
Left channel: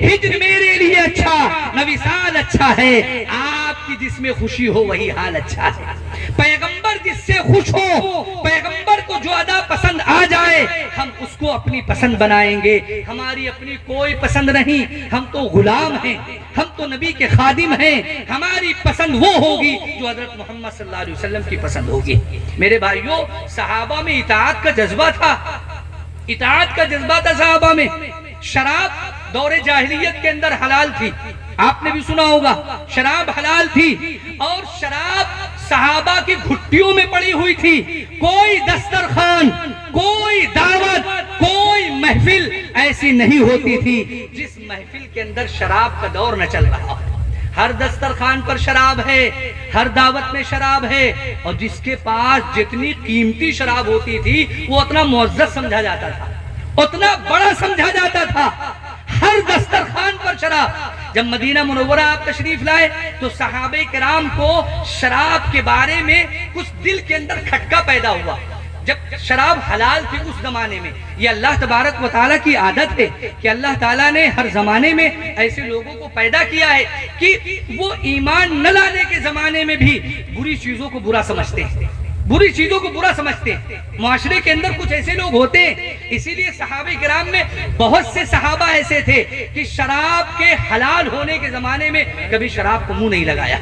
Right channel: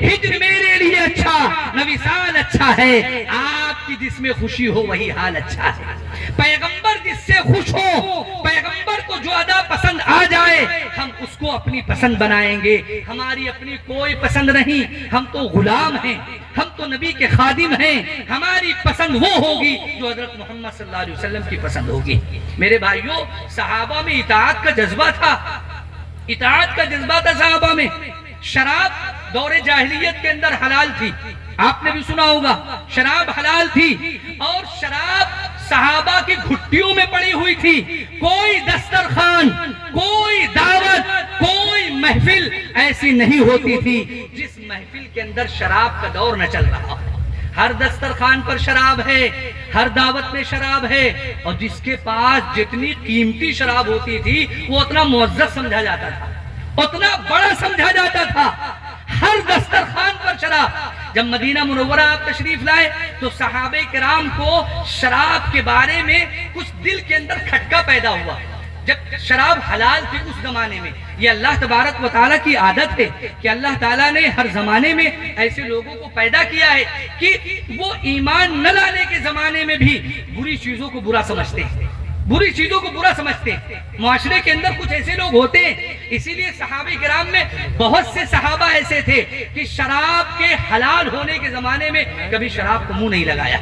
ہجر میرے لیے اچھا نہ وصال اچھا ہے، آپ کی جس میں خوشی ہو وہی حال اچھا ہے۔ پیغمبر جس سے خوش ہو، پیغمبر کو جو ادا پسند آ جائے ہم اس کو اپنی پسند بنائیں گے، ہماری اپنی کوئی پسند نہیں، ہم تو غلام ہیں، ہم تو نبی کے خادم ہیں، ہماری پسند وہ ہوگی جو حضرت محمد صلی اللہ علیہ وسلم کی پسند ہوگی۔ میرے بھائیوں، صحابہ میں اطاعت کا جذبہ تھا، اطاعت کا جذبہ تھا صحابہ میں۔ شراب دور جاہلیت کے اندر حلال تھی، آپ نے بھی سنا ہوگا، شراب حلال تھی، اور شراب صحابہ کی گھٹیوں میں پڑی ہوئی تھی۔ کوئی دسترخوان، کوئی دعوت، کوئی محفل ایسی نہیں ہوتی تھی جس محفل کے اندر شراب کا دور نہ چل رہا ہو۔ ہر دسترخوان پر شراب ہے، ہر دعوت میں شراب ہے، اور جس کے پاس جتنی قیمتی شراب ہوتی تھی وہ اتنا معزز سمجھا جاتا تھا، اتنا بڑا سمجھا جاتا تھا۔ ہر دسترخوان پر شراب۔ جب مدینہ منورہ آپ تشریف لائے تو صحابہ کرام کو شراب کے بارے میں کچھ دل کے اندر کھٹکا پیدا ہوا۔ جب شراب حلال تھی اس زمانے میں، یہ اللہ تبارک و تعالیٰ کی عادت ہے کہ اللہ تعالیٰ نے ہر زمانے میں ایسے لوگوں کو پیدا کیا ہے کہ وہ ایمان نہ لانے کے زمانے میں بھی بری چیزوں کو برا سمجھتے ہیں، بری چیزوں کو برا سمجھتے ہیں۔ معاشرے کے اندر کچھ ایسے لوگ ہوتے ہیں، اسی لیے صحابہ کرام میں بہت سے صحابہ ایسے تھے کہ شراب کے حلال ہونے کے زمانے میں کبھی شراب کو منہ نہیں لگایا،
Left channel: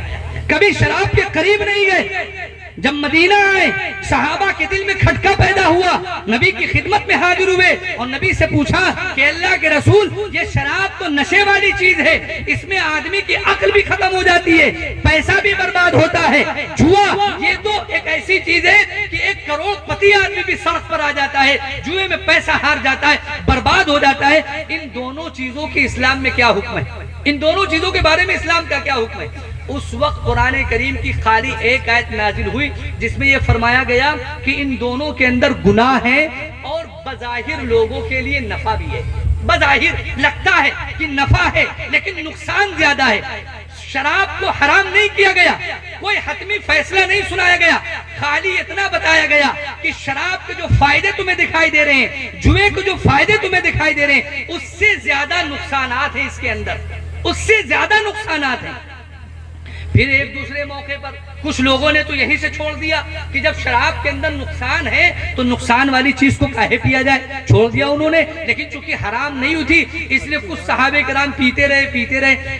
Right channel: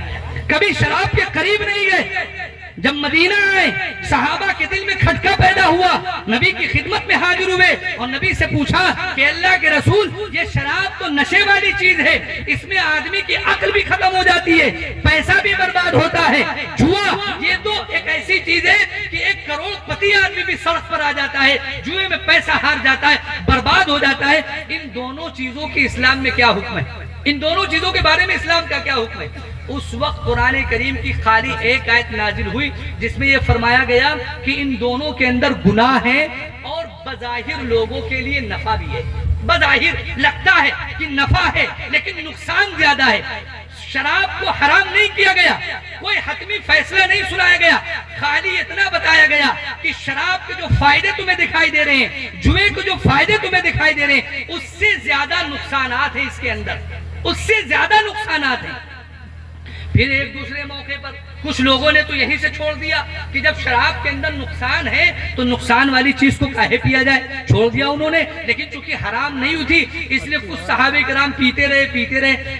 کبھی شراب کے قریب نہیں گئے۔ جب مدینہ آئے صحابہ کے دل میں کھٹکا پیدا ہوا، نبی کی خدمت میں حاضر ہوئے اور نبی سے پوچھا کہ اللہ کے رسول، یہ شراب تو نشے والی چیز ہے، اس میں آدمی کی عقل بھی ختم ہو جاتی ہے، پیسہ بھی برباد ہوتا ہے، جوا یہ تو ایک ایسی چیز ہے کہ 1 کروڑ پتی آدمی بھی سڑک پر آ جاتا ہے، جوئے میں پیسہ ہار جاتا ہے، برباد ہو جاتا ہے۔ ان دونوں چیزوں کی اسلام میں کیا حکم ہے؟ ان دونوں چیزوں کے بارے میں اسلام کا کیا حکم ہے؟ اس وقت قرآن کریم کی خالی ایک آیت نازل ہوئی جس میں یہ فرمایا گیا کہ ان دونوں کے اندر گناہ ہے اور بظاہر لوگوں کے لیے نفع بھی ہے۔ بظاہر لگتا ہے کہ نفع ہے لیکن نقصان زیادہ ہے۔ شراب کو حرام نہیں کیا گیا، کوئی حتمی فیصلہ نہیں سنایا گیا، خالی اتنا بتایا گیا کہ شراب کے جو فائدے تمہیں دکھائی دے رہے ہیں، جوئے کے جو فائدے تمہیں دکھائی دے رہے ہیں، اس سے زیادہ نقصانات ہیں اس کے اندر، اس سے زیادہ نقصانات ہیں۔ پھر ایک دوسرے موقع پر کچھ لوگوں نے تو یہیں سے چھوڑ دیا کہ جب شراب کے اندر نقصان ہے تو نقصان والی چیز کو کاہے پیا جائے، چھوڑ دیا انہوں نے۔ لیکن چونکہ حرام نہیں ہوئی تھی اس لیے کچھ صحابہ کرام پیتے رہے۔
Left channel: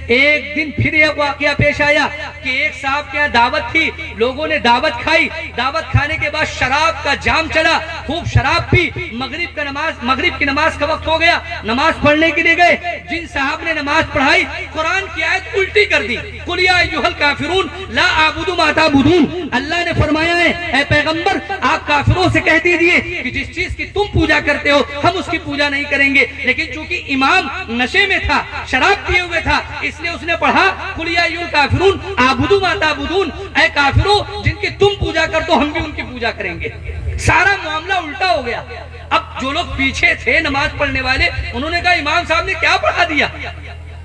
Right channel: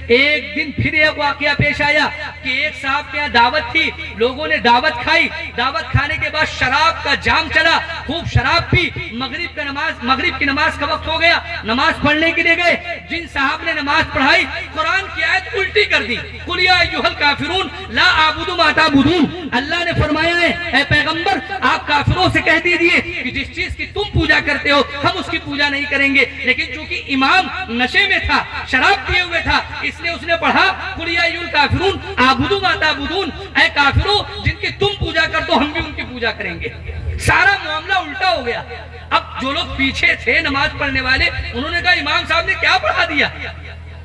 ایک دن پھر ایک واقعہ پیش آیا کہ ایک صاحب کے یہاں دعوت تھی، لوگوں نے دعوت کھائی، دعوت کھانے کے بعد شراب کا جام چلا، خوب شراب پی، مغرب کی نماز کا وقت ہو گیا، نماز پڑھنے کے لیے گئے۔ جن صاحب نے نماز پڑھائی قرآن کی آیت الٹی کر دی، قُلْ يَا أَيُّهَا الْكَافِرُونَ لَا أَعْبُدُ مَا تَعْبُدُونَ۔ اللہ نے فرمایا ہے اے پیغمبر آپ کافروں سے کہہ دیجئے کہ جس چیز کی تم پوجا کرتے ہو ہم اس کی پوجا نہیں کریں گے۔ لیکن چونکہ امام نشے میں تھا، شراب پیے ہوئے تھا، اس لیے اس نے پڑھا قُلْ يَا أَيُّهَا الْكَافِرُونَ أَعْبُدُ مَا تَعْبُدُونَ، اے کافروں جن کی تم پوجا کرتے ہو ہم بھی ان کی پوجا کریں گے۔ سارا معاملہ الٹا ہو گیا۔ اب جو لوگ پیچھے تھے نماز پڑھنے والے انہوں نے کہا امام صاحب نے کیا پڑھا دیا،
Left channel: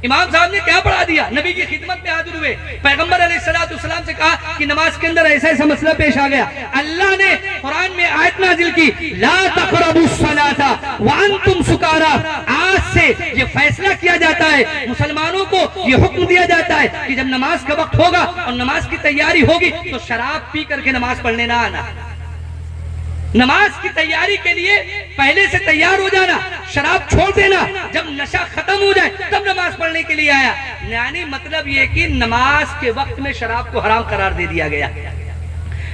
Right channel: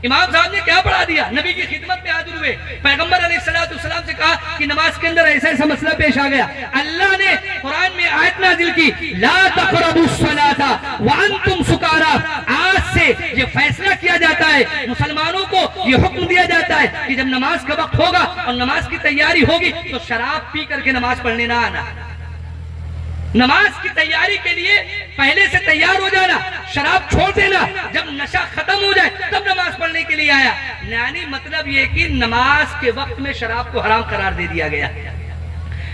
امام صاحب نے کیا پڑھا دیا۔ نبی کی خدمت میں حاضر ہوئے، پیغمبر علیہ السلام سے کہا کہ نماز کے اندر ایسا مسئلہ پیش آ گیا۔ اللہ نے قرآن میں آیت نازل کی لا تقربوا الصلاۃ وانتم سکارا، آج سے یہ فیصلہ کیا جاتا ہے، مسلمانوں کو یہ حکم دیا جاتا ہے کہ جب نماز کا وقت ہوگا اور نماز کی تیاری ہوگی تو شراب پی کر کے نماز پڑھنے نہ آنا۔ نماز کی تیاری کے لیے پہلے سے تیار ہو جانا، شراب چھوڑ دینا، جب نشہ ختم ہو جائے تب نماز پڑھنے کے لیے آیا۔ یعنی مطلب یہ کہ نماز کے وقت میں شراب کو حرام قرار دے دیا گیا،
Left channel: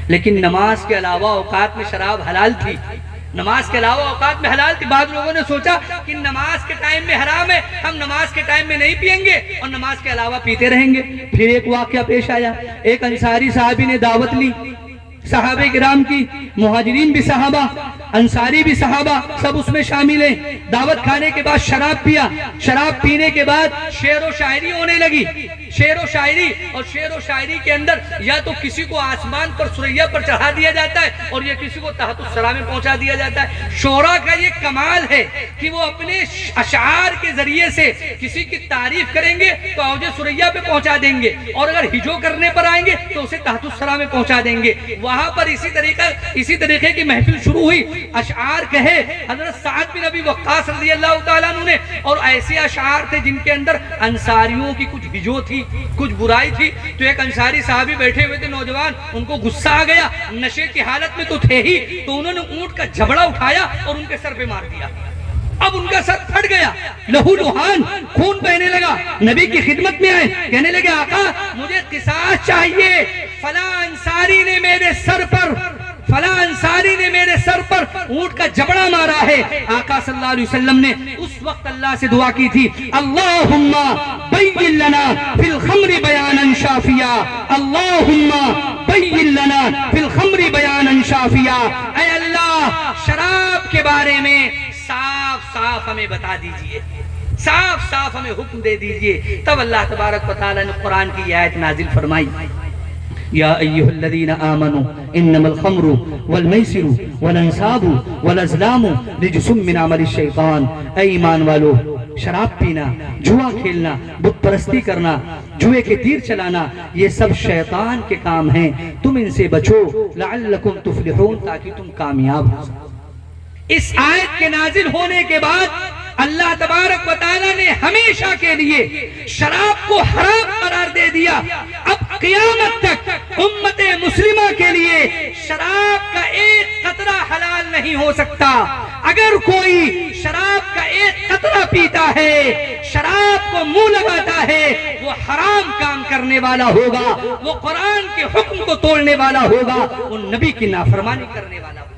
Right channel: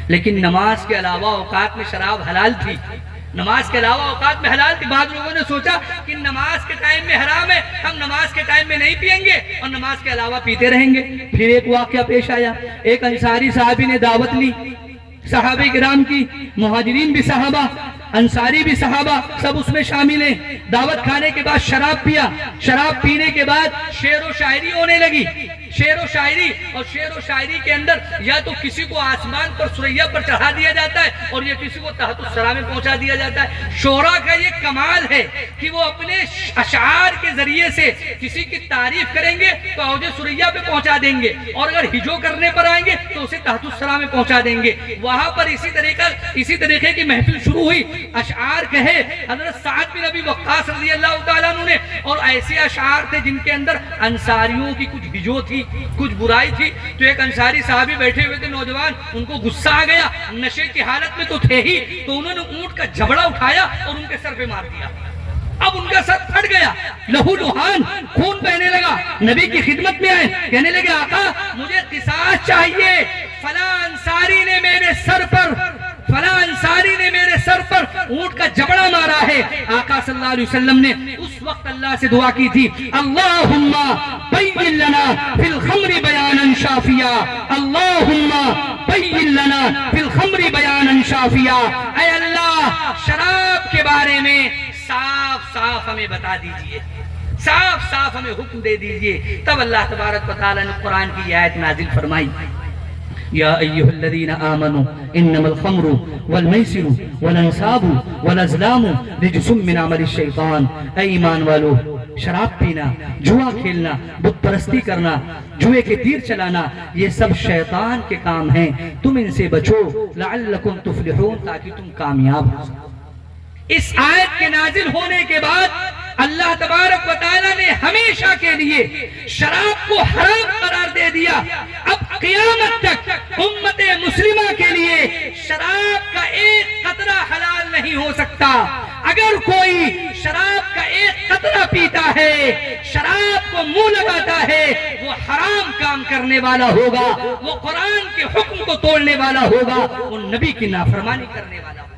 لیکن نماز کے علاوہ اوقات میں شراب حلال تھی، نماز کے علاوہ اوقات میں حلال تھی۔ بعض لوگوں نے سوچا کہ نماز کے ٹائم میں حرام ہے، ہم نماز کے ٹائم میں نہیں پیئیں گے اور نماز کے علاوہ پیتے رہیں گے۔ پھر ایک واقعہ پیش آیا، ایک انصاری صحابی نے دعوت لی، صحابہ کرام کی، مہاجرین بھی صحابہ، انصاری بھی صحابہ، سب اس میں شامل ہیں۔ دعوت کھانے کے بعد شراب پیا، شراب پینے کے بعد شعر و شاعری ہونے لگی، شعر و شاعری، اور شعر و شاعری کے اندر یا تو کسی کو آسمان پر سریا پر چڑھا دیا جاتا ہے اور یا کسی کو تحت الثری میں پہنچا دیا جاتا ہے۔ شعراء کا یہ کمال ہے کہ وہ اپنے اشعار کے ذریعے سے کسی کی تعریف کریں گے تو اوج سریا پہ پہنچا دیں گے، اور اگر ہجو کرنے پر آئیں گے تو اسے تحت الثری میں پہنچا دیں گے۔ وہاں پر اسی طریقے کی محفل شروع ہوئی، اشعار کہے حضرت سعد بن ابی وقاص رضی اللہ تعالیٰ عنہ نے، اور ایسے اشعار تھے جن کے اندر انصاریوں کی کچھ ہجو تھی، کچھ برائی تھی۔ تو ایک انصاری صحابی بیٹھے ہوئے تھے نوجوان، ان کو غصہ آ گیا، نشے کی حالت میں تو تھے ہی، تو انہوں نے اونٹ کا جبڑا اٹھایا اور ان کے سر پہ مار دیا۔ اب ان کا سر پھٹ گیا، لہو لہان، خون بہنے لگا۔ نبی کی خدمت میں آئے، کہنے لگے آقا مجھے قصاص چاہیے، فلاں انصاری نے میرے سر پر اونٹ کا جبڑا مارا ہے۔ آقا صلی اللہ علیہ وسلم نے اس وقت اللہ سے دعا کی تھی اللہم بین لنا فی الخمر بیانا شافیا، اللہم بین لنا فی الخمر بیانا شافیا، اے اللہ شراب کے بارے میں صاف صاف ہمیں بتا دیجئے، صاف صاف ہمیں حکم دے دیجئے۔ تب اللہ تبارک و تعالیٰ نے قرآن کی آیت نازل فرمائی یا ایہا الذین آمنوا انما الخمر والمیسر والانصاب والازلام رجس من عمل الشیطان، اے ایمان والو شراب پینا، جوا کھیلنا، بت پرستی کرنا، جوئے کے تیر چلانا، یہ سب شیطان کے کام ہیں، تم ان سے بچو لعلکم تفلحون، تاکہ تم کامیاب ہو۔ اس آیت کے نازل ہونے کے بعد اللہ تبارک و تعالیٰ نے ہمیشہ کے لیے شراب کو حرام قرار دے دیا۔ اب قیامت تک امت مسلمہ کے لیے شراب کا ایک قطرہ حلال نہیں ہو سکتا۔ اگر کوئی شراب کا ایک قطرہ پیتا ہے، شراب کو منہ لگاتا ہے، وہ حرام کام کرنے والا ہوگا، وہ قرآن کے حکم کو توڑنے والا ہوگا، وہ نبی کی نافرمانی کرنے والا ہوگا۔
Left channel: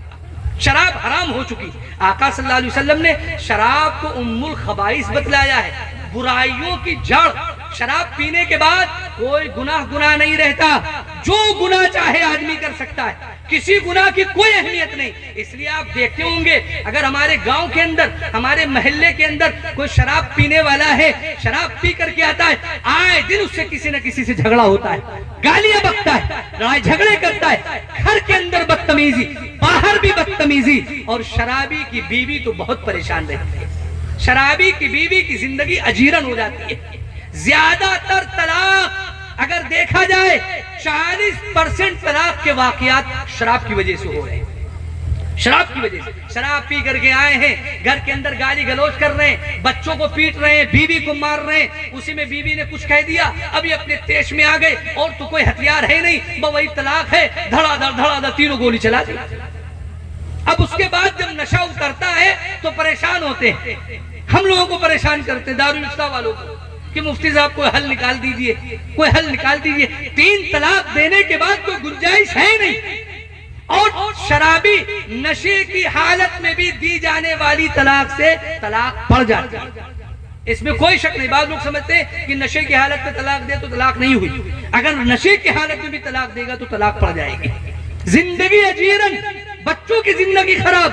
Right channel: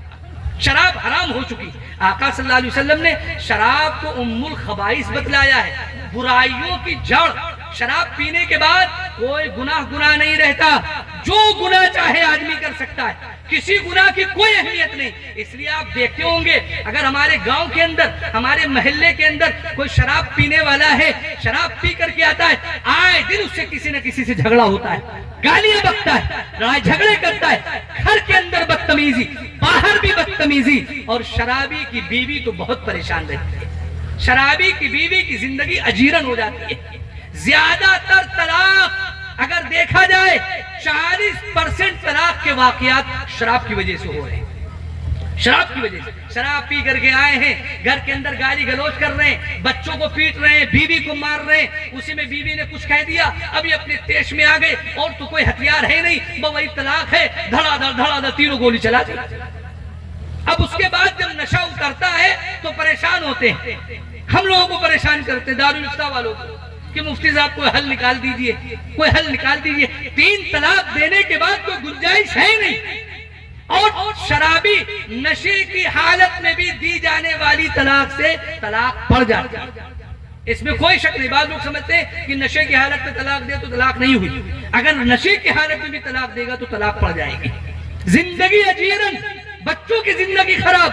شراب حرام ہو چکی۔ آقا صلی اللہ علیہ وسلم نے شراب کو ام الخبائث بتلایا ہے، برائیوں کی جڑ۔ شراب پینے کے بعد کوئی گناہ نہیں رہتا، جو گناہ چاہے آدمی کر سکتا ہے، کسی گناہ کی کوئی اہمیت نہیں۔ اس لیے آپ دیکھتے ہوں گے اگر ہمارے گاؤں کے اندر، ہمارے محلے کے اندر کوئی شراب پینے والا ہے، شراب پی کر کے آتا ہے، آئے دن اس سے کسی نہ کسی سے جھگڑا ہوتا ہے، گالیاں بکتا ہے، رائے جھگڑے کرتا ہے، گھر کے اندر بدتمیزی، باہر بھی بدتمیزی، اور شرابی کی بیوی تو بہت پریشان رہتی ہے۔ شرابی کی بیوی کی زندگی اجیرن ہو جاتی ہے۔ زیادہ تر طلاق اگر دیکھا جائے 40% طلاق کے واقعات شراب کی وجہ سے ہو رہے ہیں۔ شراب کی وجہ سے شراب پی کر کے آئے ہیں، گھر کے اندر گالی گلوچ کر رہے ہیں، بچوں کو پیٹ رہے ہیں، بیوی کو مار رہے ہیں، اسی میں بیوی نے کچھ کہہ دیا، ابھی اپنے تیش میں آ گئے، اور تو کوئی ہتھیار ہے نہیں، وہی طلاق ہے، دھڑا دھڑ تینوں گولی چلا دی۔ اب اس کے بعد جب نشہ اترتا ہے تو پریشان ہوتے ہیں، ہم لوگوں کو پریشان کرتے ہیں دارالفتہ والوں کو کہ مفتی صاحب کوئی حل نکال دیجئے، کوئی حل نکال دیجئے۔ 3 طلاق دینے کے بعد کوئی گنجائش ہے نہیں، اور شرابی نشے کی حالت میں بھی دی جانے والی طلاق سے طلاق پڑ جاتی ہے، اس میں کوئی شک نہیں۔ بعض لوگ سمجھتے ہیں کہ نشے کی حالت میں طلاق دے تو طلاق نہیں ہوئی، اگر نشے کی حالت میں بھی طلاق دے گا تو طلاق پڑ جائے گی۔ زندگی اجیرن، بچوں کی زندگی خراب،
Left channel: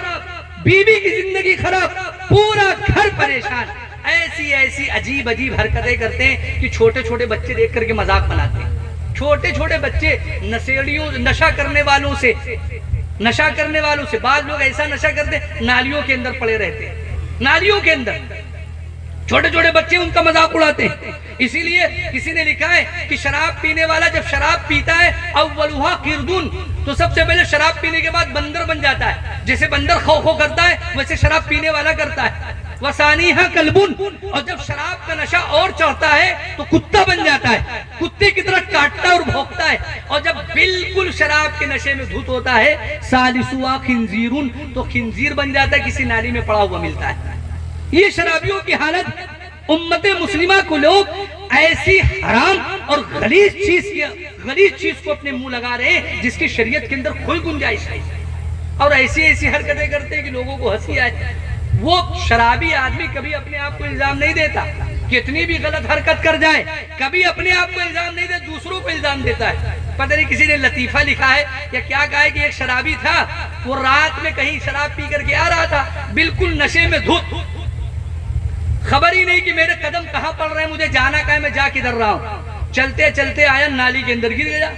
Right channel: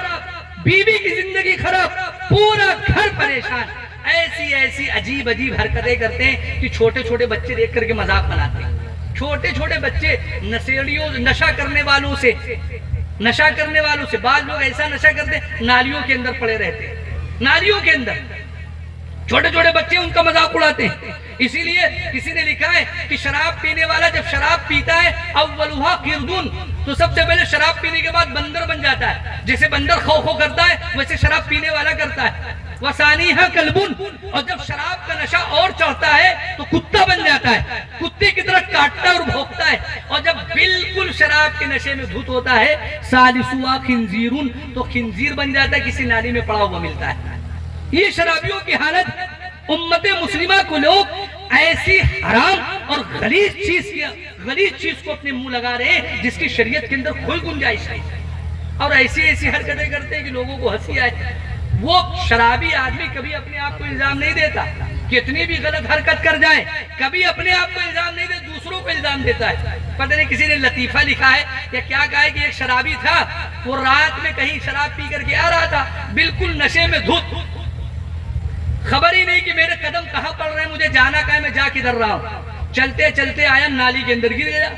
بیوی کی زندگی خراب، پورا گھر پریشان، ایسی عجیب حرکتیں کرتے ہیں کہ چھوٹے چھوٹے بچے دیکھ کر کے مذاق بناتے ہیں۔ چھوٹے چھوٹے بچے نشہ کرنے والوں سے بعض لوگ ایسا نشہ کرتے ہیں، نالیوں کے اندر پڑے رہتے ہیں، نالیوں کے اندر چھوٹے چھوٹے بچے ان کا مذاق اڑاتے ہیں۔ اسی لیے کسی نے لکھا ہے کہ شراب پینے والا جب شراب پیتا ہے اولھا قردون، تو سب سے پہلے شراب پینے کے بعد بندر بن جاتا ہے، جیسے بندر خو خو کرتا ہے ویسے شراب پینے والا کرتا ہے۔ وثانیہا کلبن، اور جب شراب کا نشہ اور چڑھتا ہے تو کتا بن جاتا ہے، کتے کی طرح کاٹتا ہے اور بھونکتا ہے، اور جب بالکل شراب کے نشے میں دھت ہوتا ہے ثالثھا خنزیرن، تو خنزیر بن جاتا ہے، کسی نالی میں پڑا ہوا ملتا ہے۔ یہ شرابیوں کی حالت۔ امت مسلمہ کو لوگ ایسی حرام اور غلیظ چیز کو اپنے منہ لگا رہے ہیں جس کی شریعت کے اندر کوئی گنجائش نہیں، اور ایسی حرکتیں کرتے ہیں کہ لوگوں کو ہنسی آئے۔ وہ شرابی آدمی کبھی اپنے آپ کو الزام نہیں دیتا، کتنی بھی غلط حرکت کر جائے کبھی اپنے آپ کو الزام نہیں دیتا، دوسروں کو الزام دیتا ہے۔ پتہ نہیں کسی نے لطیفہ لکھا ہے یا کیا کہا ہے کہ ایک شرابی تھا، وہ رات میں کہیں شراب پی کر کے آ رہا تھا، بالکل نشے میں دھت، خبر ہی نہیں کہ میرے قدم کہاں پڑ رہے ہیں، مجھے جانا کہاں ہے، میں جا کدھر رہا ہوں۔ چلتے چلتے آیا، نالی کے اندر گر گیا۔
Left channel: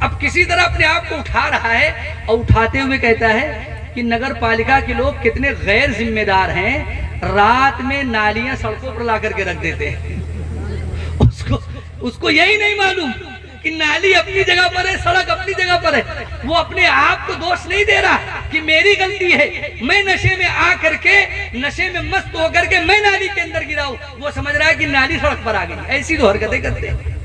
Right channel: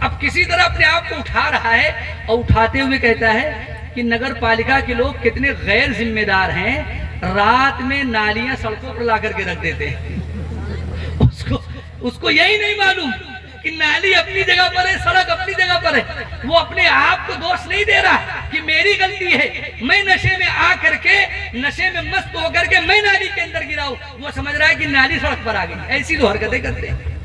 اب کسی طرح اپنے آپ کو اٹھا رہا ہے، اور اٹھاتے ہوئے کہتا ہے کہ نگر پالیکا کے لوگ کتنے غیر ذمہ دار ہیں، رات میں نالیاں سڑکوں پر لا کر کے رکھ دیتے ہیں۔ اس کو یہی نہیں معلوم کہ نالی اپنی جگہ پر ہے، سڑک اپنی جگہ پر ہے۔ وہ اپنے آپ کو دوش نہیں دے رہا کہ میری غلطی ہے، میں نشے میں آ کر کے، نشے میں مست ہو کر کے میں نالی کے اندر گرا ہوں، وہ سمجھ رہا ہے کہ نالی سڑک پر آ گئی۔ ایسی تو حرکتیں کرتے ہیں۔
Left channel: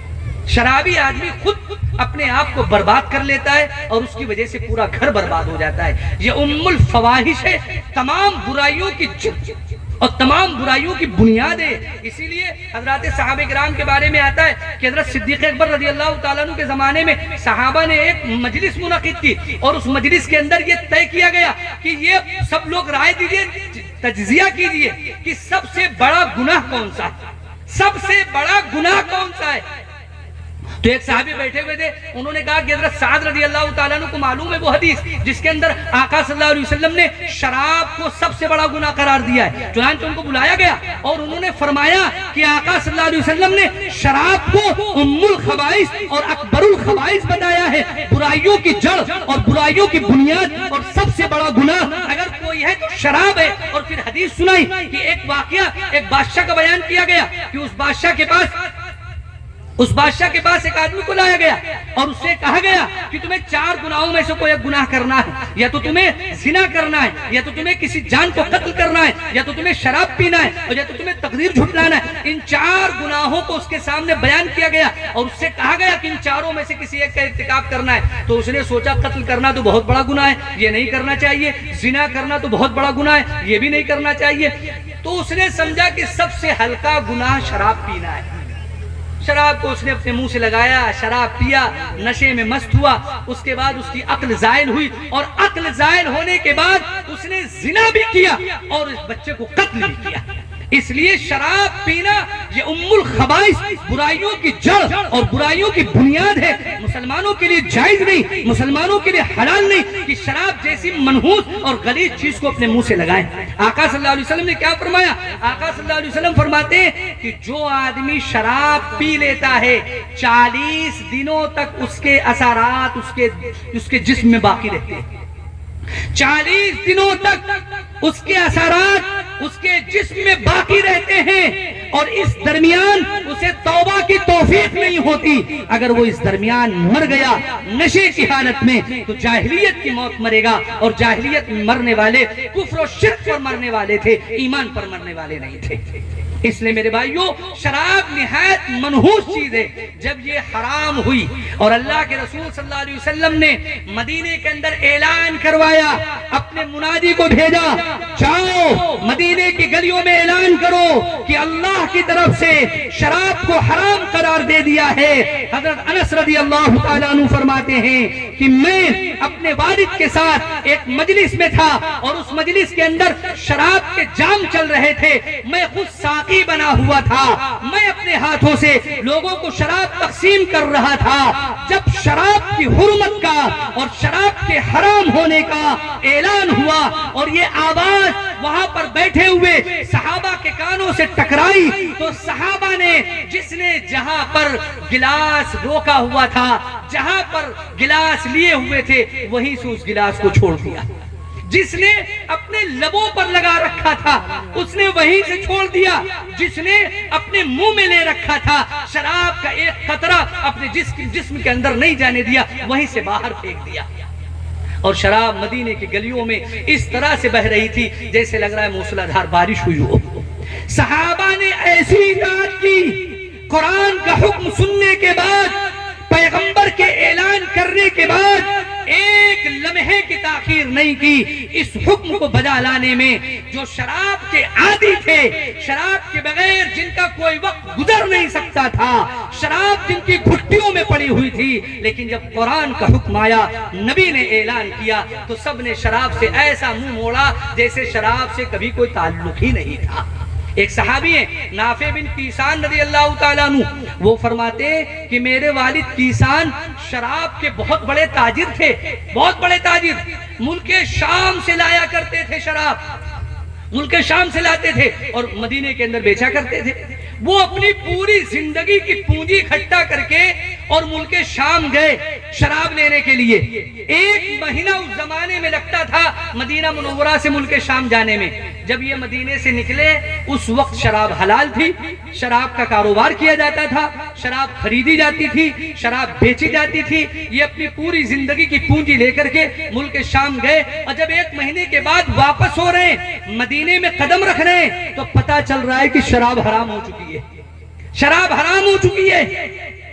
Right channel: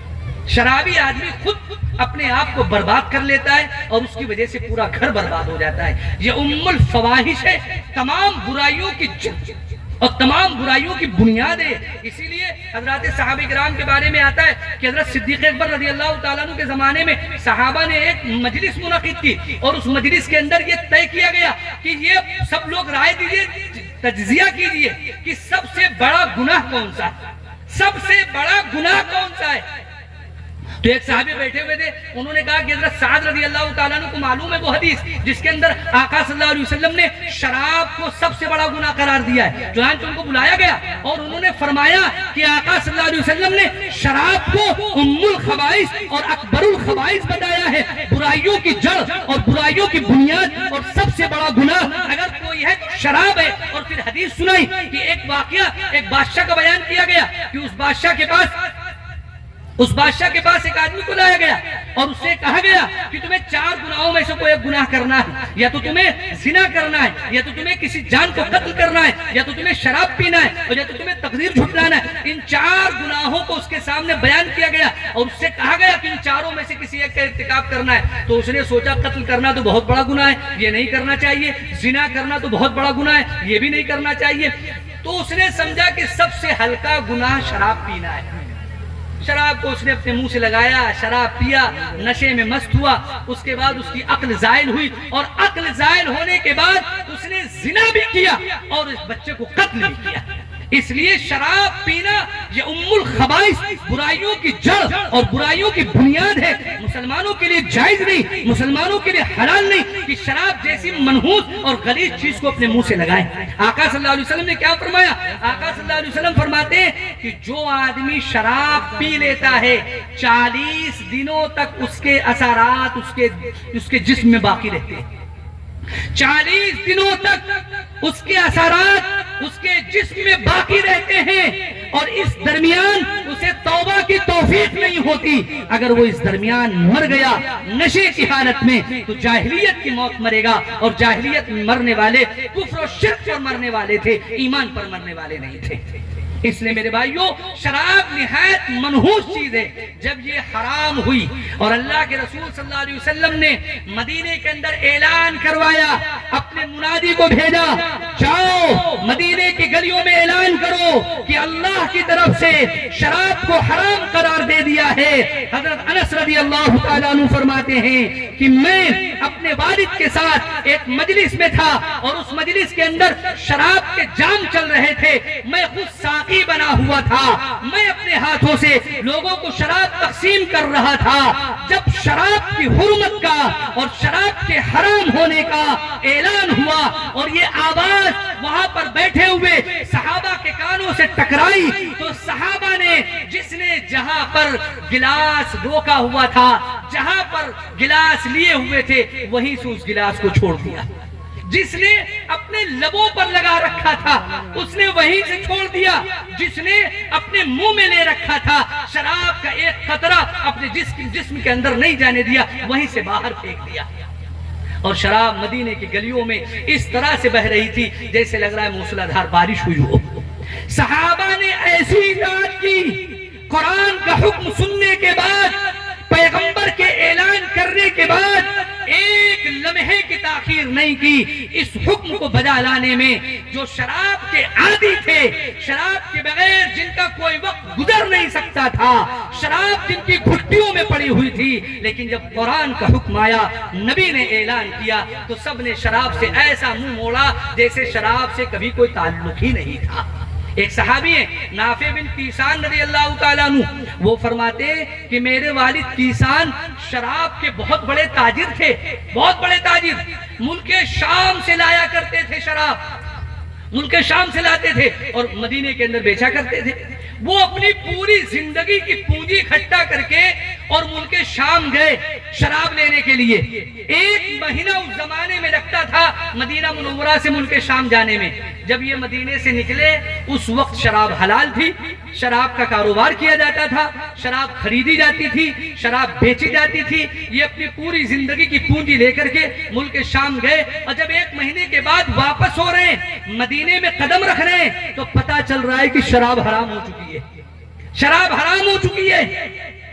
شرابی آدمی خود اپنے آپ کو برباد کر لیتا ہے اور اس کی وجہ سے پورا گھر برباد ہو جاتا ہے۔ یہ ام الفواحش ہے، تمام برائیوں کی جڑ اور تمام برائیوں کی بنیاد ہے۔ اسی لیے حضرات صحابہ کرام کے بارے میں آتا ہے کہ حضرت صدیق اکبر رضی اللہ تعالیٰ عنہ کے زمانے میں صحابہ نے ایک مجلس منعقد کی، اور اس مجلس کے اندر یہ طے کیا گیا کہ یہ سب لوگ رائے دیجئے، تجزیہ کیجئے کہ سب سے بڑا گناہ کون سا ہے، سب سے بڑا گناہ کون سا ہے۔ تو ایک صحابی بیٹھے ہوئے تھے، انہوں نے کہا کہ حضرت سعد رضی اللہ تعالیٰ عنہ کو معلوم ہے وہ حدیث جس کے اندر آقا صلی اللہ علیہ وسلم نے شراب کو سب سے بڑا گناہ قرار دیا ہے۔ چنانچہ ان کو بلایا گیا اور انہوں نے فرمایا کہ آقا صلی اللہ علیہ وسلم نے شراب کو ام الخبائث اور اکبر الخبائث بتایا ہے، برائیوں کی جڑ اور برائیوں کی بنیاد، اور سب سے بڑا گناہ اگر کوئی ہے تو شراب ہے۔ اور پھر حدیث سنائی کہ ایک واقعہ، ایک بادشاہ کا بیان کیا گیا کہ اس بادشاہ کے پاس ایک آدمی کو لایا گیا اور اس سے کہا گیا کہ تمہیں 4 گناہوں میں سے کوئی ایک گناہ کرنا ہے، یا تو تمہیں زنا کرنا ہے، یا تو تمہیں کسی جان کو قتل کرنا ہے، یا تو تمہیں شراب پینا ہے، اور یا تو تمہیں تقدیر جھٹلانا ہے۔ ان 4 گناہوں کو اس کے سامنے بیان کیا گیا اور اس سے کہا گیا کہ ان 4 میں سے کسی ایک کا ارتکاب کرنا ہے۔ تو اس نے سوچا قتل کرنا تو بہت بڑا گناہ ہے، یہ نہیں کرنا چاہیے، زنا کرنا تو بہت بڑا گناہ ہے، یہ بھی نہیں کرنا چاہیے۔ تو اس نے سمجھا کہ سب سے ہلکا گناہ شراب پینا ہے۔ شراب کو اس نے اپنے منہ سے لگایا، شراب پیا، نشے میں مست ہوا، اس کے بعد اس کی عقل زائل ہوئی، اور عقل زائل ہونے کے بعد اس نے زنا بھی کیا اور اس بچے کو قتل بھی کیا۔ اس لیے شراب پینا یہ ام الخبائث، برائیوں کی جڑ اور برائیوں کی بنیاد ہے۔ مسلمانوں کے لیے جائز نہیں، مسلمانوں کے لیے حلال نہیں کہ شراب جیسی منحوس اور غلیظ چیز کو اپنے منہ سے لگائیں۔ آقا صلی اللہ علیہ وسلم نے کیا فرمایا؟ آقا صلی اللہ علیہ وسلم فرماتے ہیں کہ جو آدمی شراب پی لیتا ہے 40 دنوں تک اس کے اثرات اس کے جسم میں باقی رہتے ہیں۔ 40 دنوں تک اس کے اثرات اس کے جسم میں باقی رہتے ہیں، اور اور اس درمیان اسے توبہ کی توفیق نہیں ہوتی، اگر وہ اس درمیان مر گیا نشے کی حالت میں تو جاہلیت کی موت مرے گا، اور جاہلیت میں مرنے والے کفر و شرک پر مرنے والے تھے، ایمان پر مرنے والے نہیں تھے۔ اس لیے میرے بھائیوں، شراب نہایت منحوس چیز ہے۔ جب یہ حرام ہوئی اور اللہ کے رسول صلی اللہ علیہ وسلم نے مدینے کے اندر اعلان کروایا، اپنے منادی کو بھیجا، جاؤ مدینے کی گلیوں میں اعلان کرو کہ اللہ کی طرف سے شراب کو حرام قرار دے دیا ہے۔ حضرت انس رضی اللہ تعالیٰ عنہ فرماتے ہیں کہ میں اپنے والد کے ساتھ ایک مجلس میں تھا اور اس مجلس کے اندر شراب کے جام چل رہے تھے، میں خود ساقی بنا ہوا تھا، میں اپنے ہاتھوں سے لوگوں کو شراب تقسیم کر رہا تھا۔ جب شراب کی حرمت کا اور شراب کے حرام ہونے کا اعلان ہوا اور یہ آواز وہاں پر بیٹھے ہوئے صحابہ کے کانوں سے ٹکرائی، تو صحابہ نے جس نے جہاں پر گلاس روکا ہوا تھا، جہاں پر گلاس لیے ہوئے تھے، وہیں سے اس گلاس کو چھوڑ دیا۔ جس نے اپنے لبوں پر لگا رکھا تھا اس نے وہیں سے چھوڑ دیا، جس نے اپنے منہ میں لے رکھا تھا شراب کا ایک قطرہ اپنے جسم کے اندر نہیں جانے دیا، وہیں سے باہر پھینک دیا۔ اور شراب مدینے کی گلیوں میں اس طرح سے بہ رہی تھی جیسے لگ رہا ہے موسلادھار بارش ہوئی ہو۔ صحابہ نے ایسی اطاعت کی، قرآن کا حکم سننے کے بعد، پیغمبر کے اعلان کرنے کے بعد ایک لمحے کی تاخیر نہیں کی اس حکم کو بجا لانے میں۔ جو شراب کے عادی تھے، شراب کے بغیر جن کا کوئی وقت گزر نہیں سکتا تھا، شراب جن کی گھٹیوں میں پڑی ہوئی تھی، لیکن جب قرآن کا حکم آیا، نبی نے اعلان کیا، تو سب نے شراب سے ایسا منہ موڑا جیسے شراب سے کبھی کوئی تعلق ہی نہیں تھا۔ ایک صحابی ہیں نافع بن کیسان رضی اللہ تعالیٰ عنہ، وہ فرماتے کہ میرے والد کیسان شراب کے بہت بڑے تاجر تھے، بہت بڑے تاجر، ملک شام سے لایا کرتے تھے شراب، ملک شام سے لاتے تھے اور مدینے کے اندر بیچا کرتے تھے۔ وہ اپنی پوری زندگی کی پونجی اکٹھا کر کے اور ملک شام گئے شراب لینے کے لیے۔ ایک مہینہ اس زمانے میں لگتا تھا مدینہ منورہ سے ملک شام جانے میں۔ جب یہ مدینے سے نکلے اس وقت شراب حلال تھی، شراب کا کاروبار کیا جاتا تھا، شراب خریدی جاتی تھی، شراب بیچی جاتی تھی۔ یہ اپنی پوری زندگی کی پونجی لے کر کے ملک شام گئے، اور جب ایک مہینے کے بعد واپس ہو رہے ہیں، مدینے میں قدم رکھ رہے ہیں، تو پتہ چل رہا ہے کہ شراب حرام ہو چکی ہے، شراب حرام ہو چکی ہے۔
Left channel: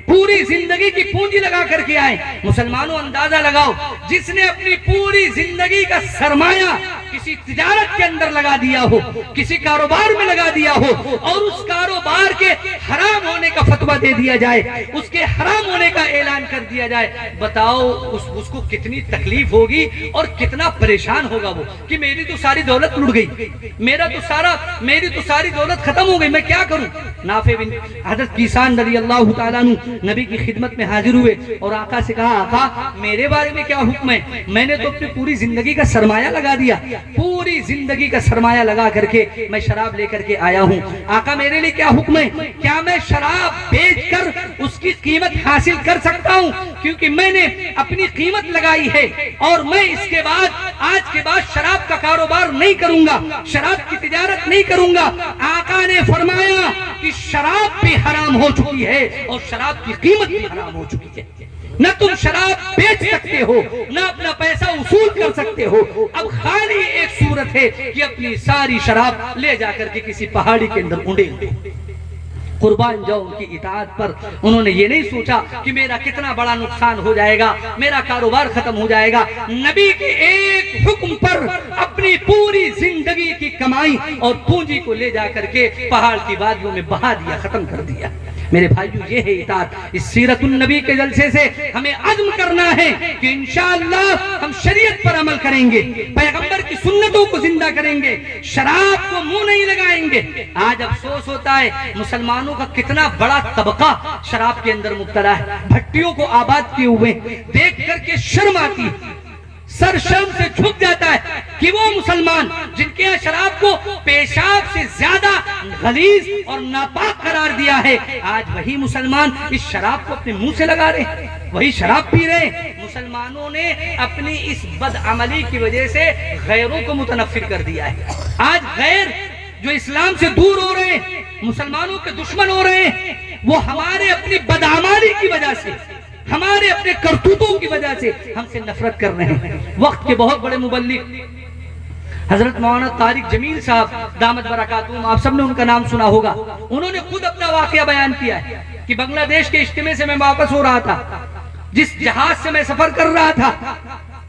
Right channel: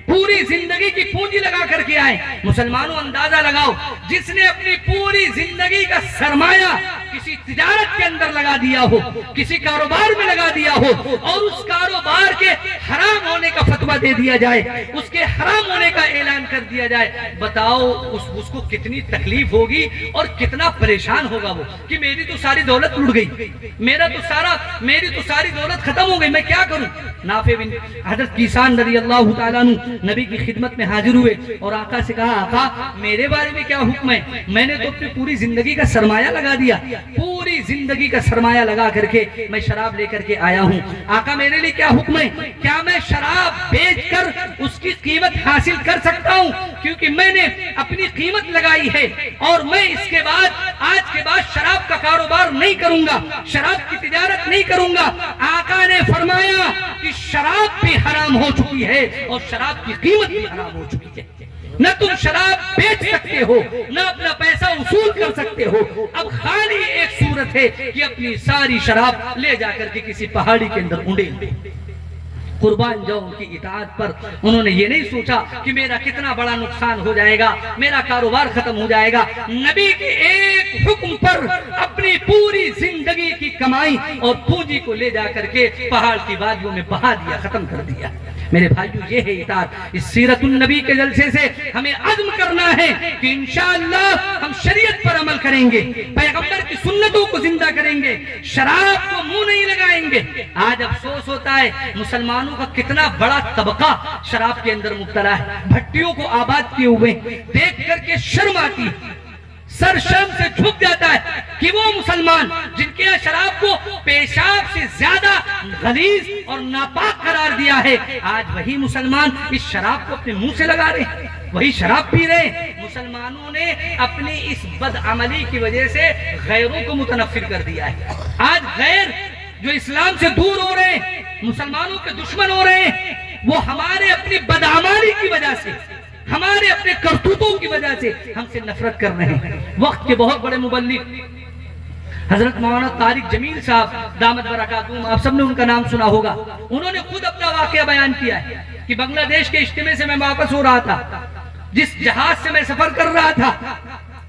پوری زندگی کی پونجی لگا کر کے آئے۔ مسلمانوں اندازہ لگاؤ، جس نے اپنی پوری زندگی کا سرمایہ کسی تجارت کے اندر لگا دیا ہو، کسی کاروبار میں لگا دیا ہو، اور اس کاروبار کے حرام ہونے کا فتویٰ دے دیا جائے، اس کے حرام ہونے کا اعلان کر دیا جائے، بتاؤ اس کو کتنی تکلیف ہوگی اور کتنا پریشان ہوگا وہ کہ میری تو ساری دولت لٹ گئی، میری تو ساری دولت ختم ہو گئی، میں کیا کروں۔ نافع بن حضرت کیسان رضی اللہ تعالیٰ عنہ نبی کی خدمت میں حاضر ہوئے اور آقا سے کہا، آقا میرے بارے میں کیا حکم ہے؟ میں نے تو اپنی پوری زندگی کا سرمایہ لگا دیا، پوری زندگی کا سرمایہ لگا کر کے میں شراب لے کر کے آیا ہوں، آقا میرے لیے کیا حکم ہے؟ کیا میں شراب بیچ کر اس کی قیمت حاصل کر سکتا ہوں؟ کیونکہ میں نے اپنی قیمت لگائی ہے اور میں اس کے بعد آج کے بعد شراب کا کاروبار نہیں کروں گا، شراب کی تجارت نہیں کروں گا۔ آقا نے فرمایا کہ شراب بھی حرام ہو چکی ہے اور شراب کی قیمت بھی حرام ہو چکی ہے، نہ تم شراب بیچ سکتے ہو، نہ اپنا پیسہ وصول کر سکتے ہو۔ اب خالی ایک صورت ہے کہ اپنی ساری شراب لے جا کر کے کسی پہاڑی کے اندر اونڈیں۔ قربان جاؤ ان کی اطاعت پر، انہوں نے یہ نہیں سوچا کہ میرا کتنا بڑا نقصان ہو جائے گا، میرا کاروبار ختم ہو جائے گا۔ نبی کے ایک حکم پر اپنی پوری زندگی کی کمائی اور پونجی کو لے جا کر کے پہاڑ کی وادیوں میں بہا دیا، ختم کر دیا۔ میرے بھائیو، یہ ہے اطاعت۔ اس سیرت النبی کے جلسے سے ہمیں عزم کرنا ہے کہ انشاءاللہ ہم شریعت پر عمل کریں گے، پیغمبر کی سنتوں کو زندہ کریں گے، شراب کو منہ نہیں لگائیں گے۔ آج افسوس ہوتا ہے مسلمانوں کا کتنا بڑا طبقہ شراب کے اندر مبتلا ہے، بھٹیوں کو آباد کیے ہوئے، دیکھ کر کے شرم آتی ہے، سر شرم سے جھک جاتا ہے کہ وہ مسلمان جن کے یہاں شراب کو پیشاب سے زیادہ غلیظ اور ناپاک قرار دیا ہے، آج وہی مسلمان اس شراب کو اپنے منہ سے لگا رہے ہیں، وہی شراب پی رہے ہیں۔ مسلمانوں نے اپنی اس بد عملی کی وجہ سے غیروں کو متنفر کر دیا ہے۔ آج غیر جو اسلام سے دور ہو رہے ہیں، مسلمانوں کے دشمن ہو رہے ہیں وہ ہمارے اپنی بدعمالی کی وجہ سے، ہمارے اپنے کرتوتوں کی وجہ سے ہم سے نفرت کر رہے ہیں۔ وقت کے بہت بڑے مبلغ حضرت مولانا طارق جمیل صاحب دامت برکاتہم، آپ سب نے ان کا نام سنا ہوگا، انہوں نے خود اپنا واقعہ بیان کیا ہے کہ بنگلہ دیش کے اجتماع سے میں واپس ہو رہا تھا، جس جہاز سے میں سفر کر رہا تھا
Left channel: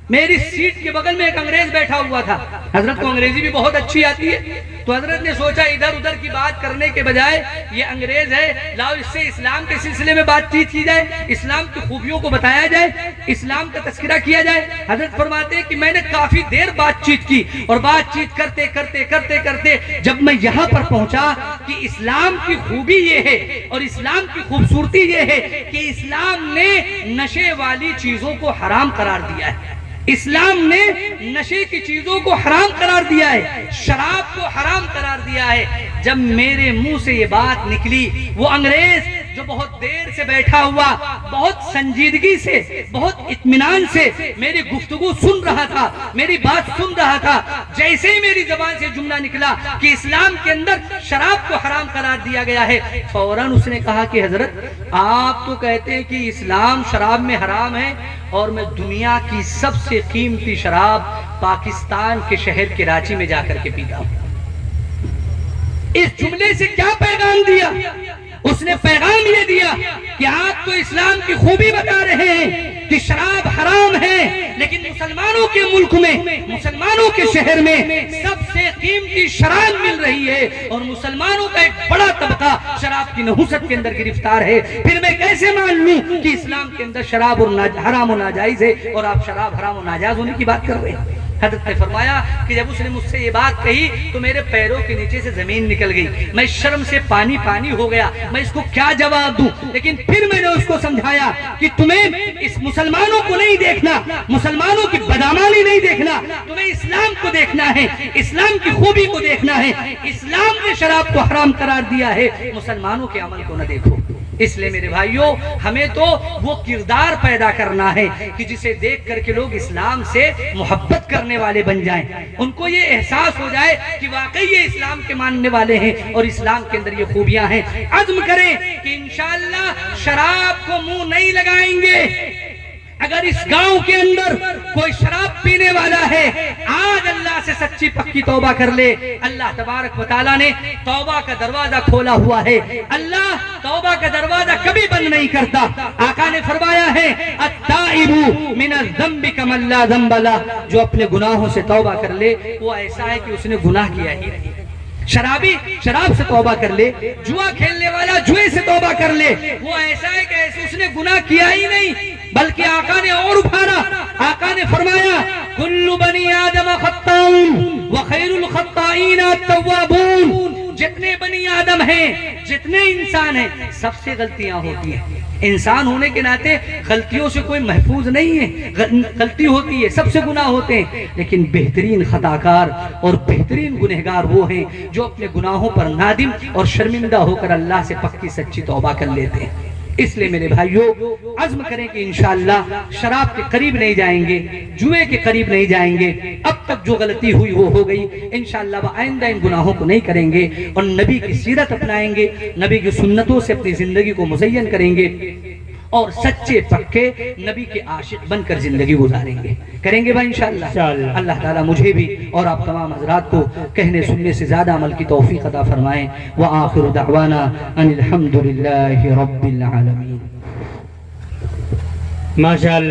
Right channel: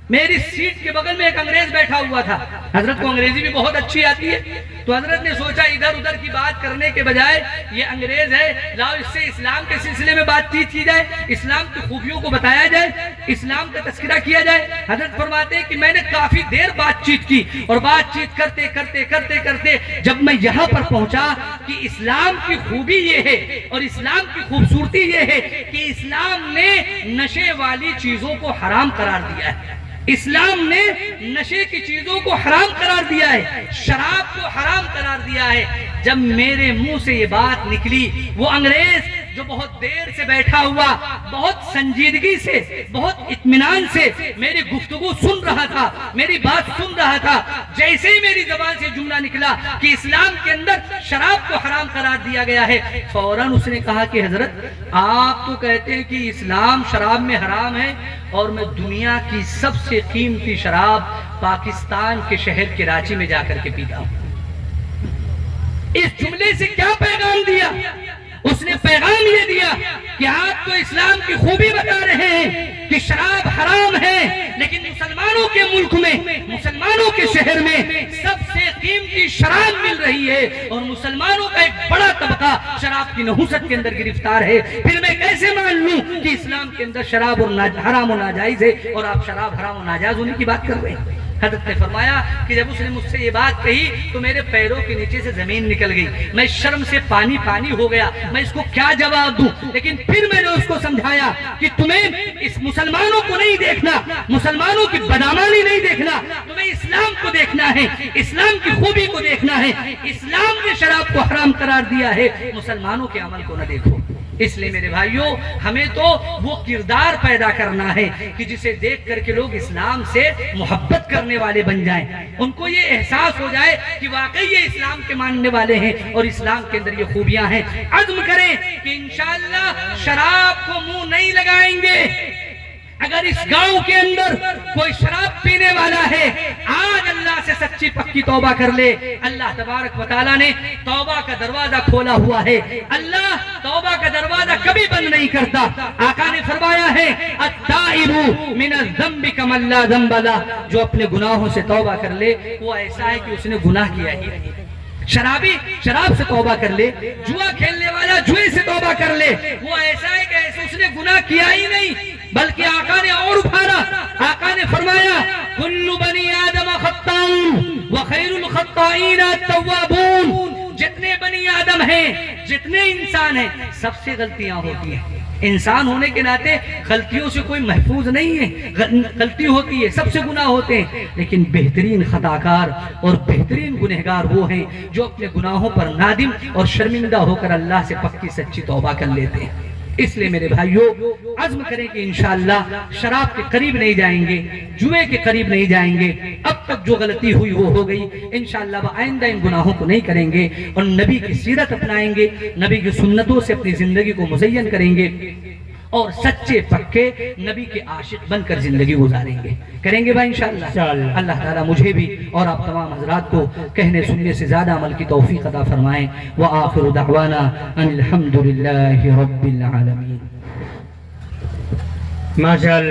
میری سیٹ کے بغل میں ایک انگریز بیٹھا ہوا تھا۔ حضرت کو انگریزی بھی بہت اچھی آتی ہے، تو حضرت نے سوچا ادھر ادھر کی بات کرنے کے بجائے یہ انگریز ہے، لاؤ اس سے اسلام کے سلسلے میں بات چیت کی جائے، اسلام کی خوبیوں کو بتایا جائے، اسلام کا تذکرہ کیا جائے۔ حضرت فرماتے ہیں کہ میں نے کافی دیر بات چیت کی، اور بات چیت کرتے کرتے کرتے کرتے جب میں یہاں پر پہنچا کہ اسلام کی خوبی یہ ہے اور اسلام کی خوبصورتی یہ ہے کہ اسلام نے نشے والی چیزوں کو حرام قرار دیا ہے، اسلام نے نشے کی چیزوں کو حرام قرار دیا ہے، شراب کو حرام قرار دیا ہے۔ جب میرے منہ سے یہ بات نکلی، وہ انگریز جو بہت دیر سے بیٹھا ہوا بہت سنجیدگی سے بہت اطمینان سے میری گفتگو سن رہا تھا، میری بات سن رہا تھا، جیسے ہی میری زبان سے جملہ نکلا کہ اسلام کے اندر شراب کو حرام قرار دیا گیا ہے، فوراً اس نے کہا کہ حضرت آپ تو کہتے ہیں کہ اسلام شراب میں حرام ہے، اور میں دنیا کی سب سے قیمتی شراب پاکستان کے شہر کراچی میں جا کر کے پیتا ہوں۔ اس جملے سے کیا پیغام دیا؟ اس نے پیغام یہ دیا کہ آپ تو اسلام کی خوبی بتا رہے ہیں کہ شراب حرام ہے، لیکن مسلمانوں کے ملک میں، مسلمانوں کے شہر میں سب سے قیمتی شراب مل رہی ہے، اور مسلمانوں کا ایک بڑا طبقہ شراب کی نحوست کے اندر گرفتار ہے۔ پھر میں کیسے مان لوں کہ اسلام کے اندر شراب اور حرام و ناجائز ہے اور آپ شراب حرام و ناجائز ہونے کی بات کر رہے ہیں؟ حضرت نے فرمایا کہ جب اس نے مجھ سے یہ بات کہی تو میرے پیروں کے نیچے سے زمین نکل گئی، میں شرم سے پانی پانی ہو گیا، میں اس کو کیا جواب دوں؟ لیکن پھر میں نے اس کو سمجھایا کہ تمہیں اس مسلمانوں کو نہیں دیکھنا، مسلمانوں کی بدعمالی نہیں دیکھنا، تمہیں اسلام کو دیکھنا ہے، اسلام کی خوبی کو دیکھنا ہے۔ اسلام نے شراب کو حرام قرار دیا ہے، مسلمانوں کے عمل کو نہ دیکھو۔ اس لیے میرے بھائیوں، ہمیں تو وہ کردار پیدا کرنا ہے کہ جسے دیکھ کر کے لوگ اسلام سے محبت کرنے والے بن جائیں، ان کو یہ احساس ہو جائے کہ واقعی یہ اسلام کے ماننے والے ہیں اور اسلام کے اندر یہ خوبیاں ہیں۔ عزم کریں کہ انشاءاللہ شراب کو منہ نہیں لگائیں گے۔ اگر اس گاؤں کے اندر کوئی شراب پینے والا ہے، آج اللہ سے سچی پکی توبہ کر لے، اللہ تبارک و تعالیٰ نے توبہ کا دروازہ کھولا ہوا ہے۔ اللہ توبہ کا دروازہ کبھی بند نہیں کرتا۔ آقا نے فرمایا ہے التائب من الذنب کمن لا ذنب لہ، جو اپنے گناہوں سے توبہ کر لے وہ ایسا ہے کہ اس نے گناہ کیا ہی نہیں۔ شرابی شراب سے توبہ کر لے، جوا کھیلنے والا جوئے سے توبہ کر لے، وہ ایسا ہے کہ ایسے اس نے گناہ کیا ہی نہیں۔ بلکہ آقا نے اور ابھارا، آقا نے فرمایا کل بنی آدم خطاؤن وخیر الخطائین التوابون، جتنے بنی آدم ہیں، جتنے انسان ہیں، سب سے غلطیاں ہوتی ہیں۔ انسان ہونے کے ناطے غلطیوں سے کوئی محفوظ نہیں ہے، غلطی ہوتی ہے، سب سے گناہ ہوتے ہیں، لیکن بہترین خطاکار اور بہترین گنہگار وہ ہیں جو اپنے گناہوں پر نادم اور شرمندہ ہو کر اللہ سے پکی سچی توبہ کر لیتے ہیں۔ اس لیے میرے بھائیوں، عزم کریں کہ انشاءاللہ شراب کے قریب نہیں جائیں گے، جوئے کے قریب نہیں جائیں گے۔ اب تک جو غلطی ہوئی وہ ہو گئی، انشاءاللہ آئندہ ان گناہوں کو نہیں کریں گے، اور نبی کی سیرت اپنائیں گے، نبی کی سنتوں سے اپنی زندگی کو مزین کریں گے، اور سچے پکے نبی کے عاشق بن کر زندگی گزاریں گے۔ کریں گے بھائی انشاءاللہ۔ اللہ تعالیٰ مجھے بھی اور آپ تمام حضرات کو کہنے سننے سے زیادہ عمل کی توفیق عطا فرمائیں۔ وآخر دعوانا ان الحمدللہ رب العالمین۔ ماشاءاللہ۔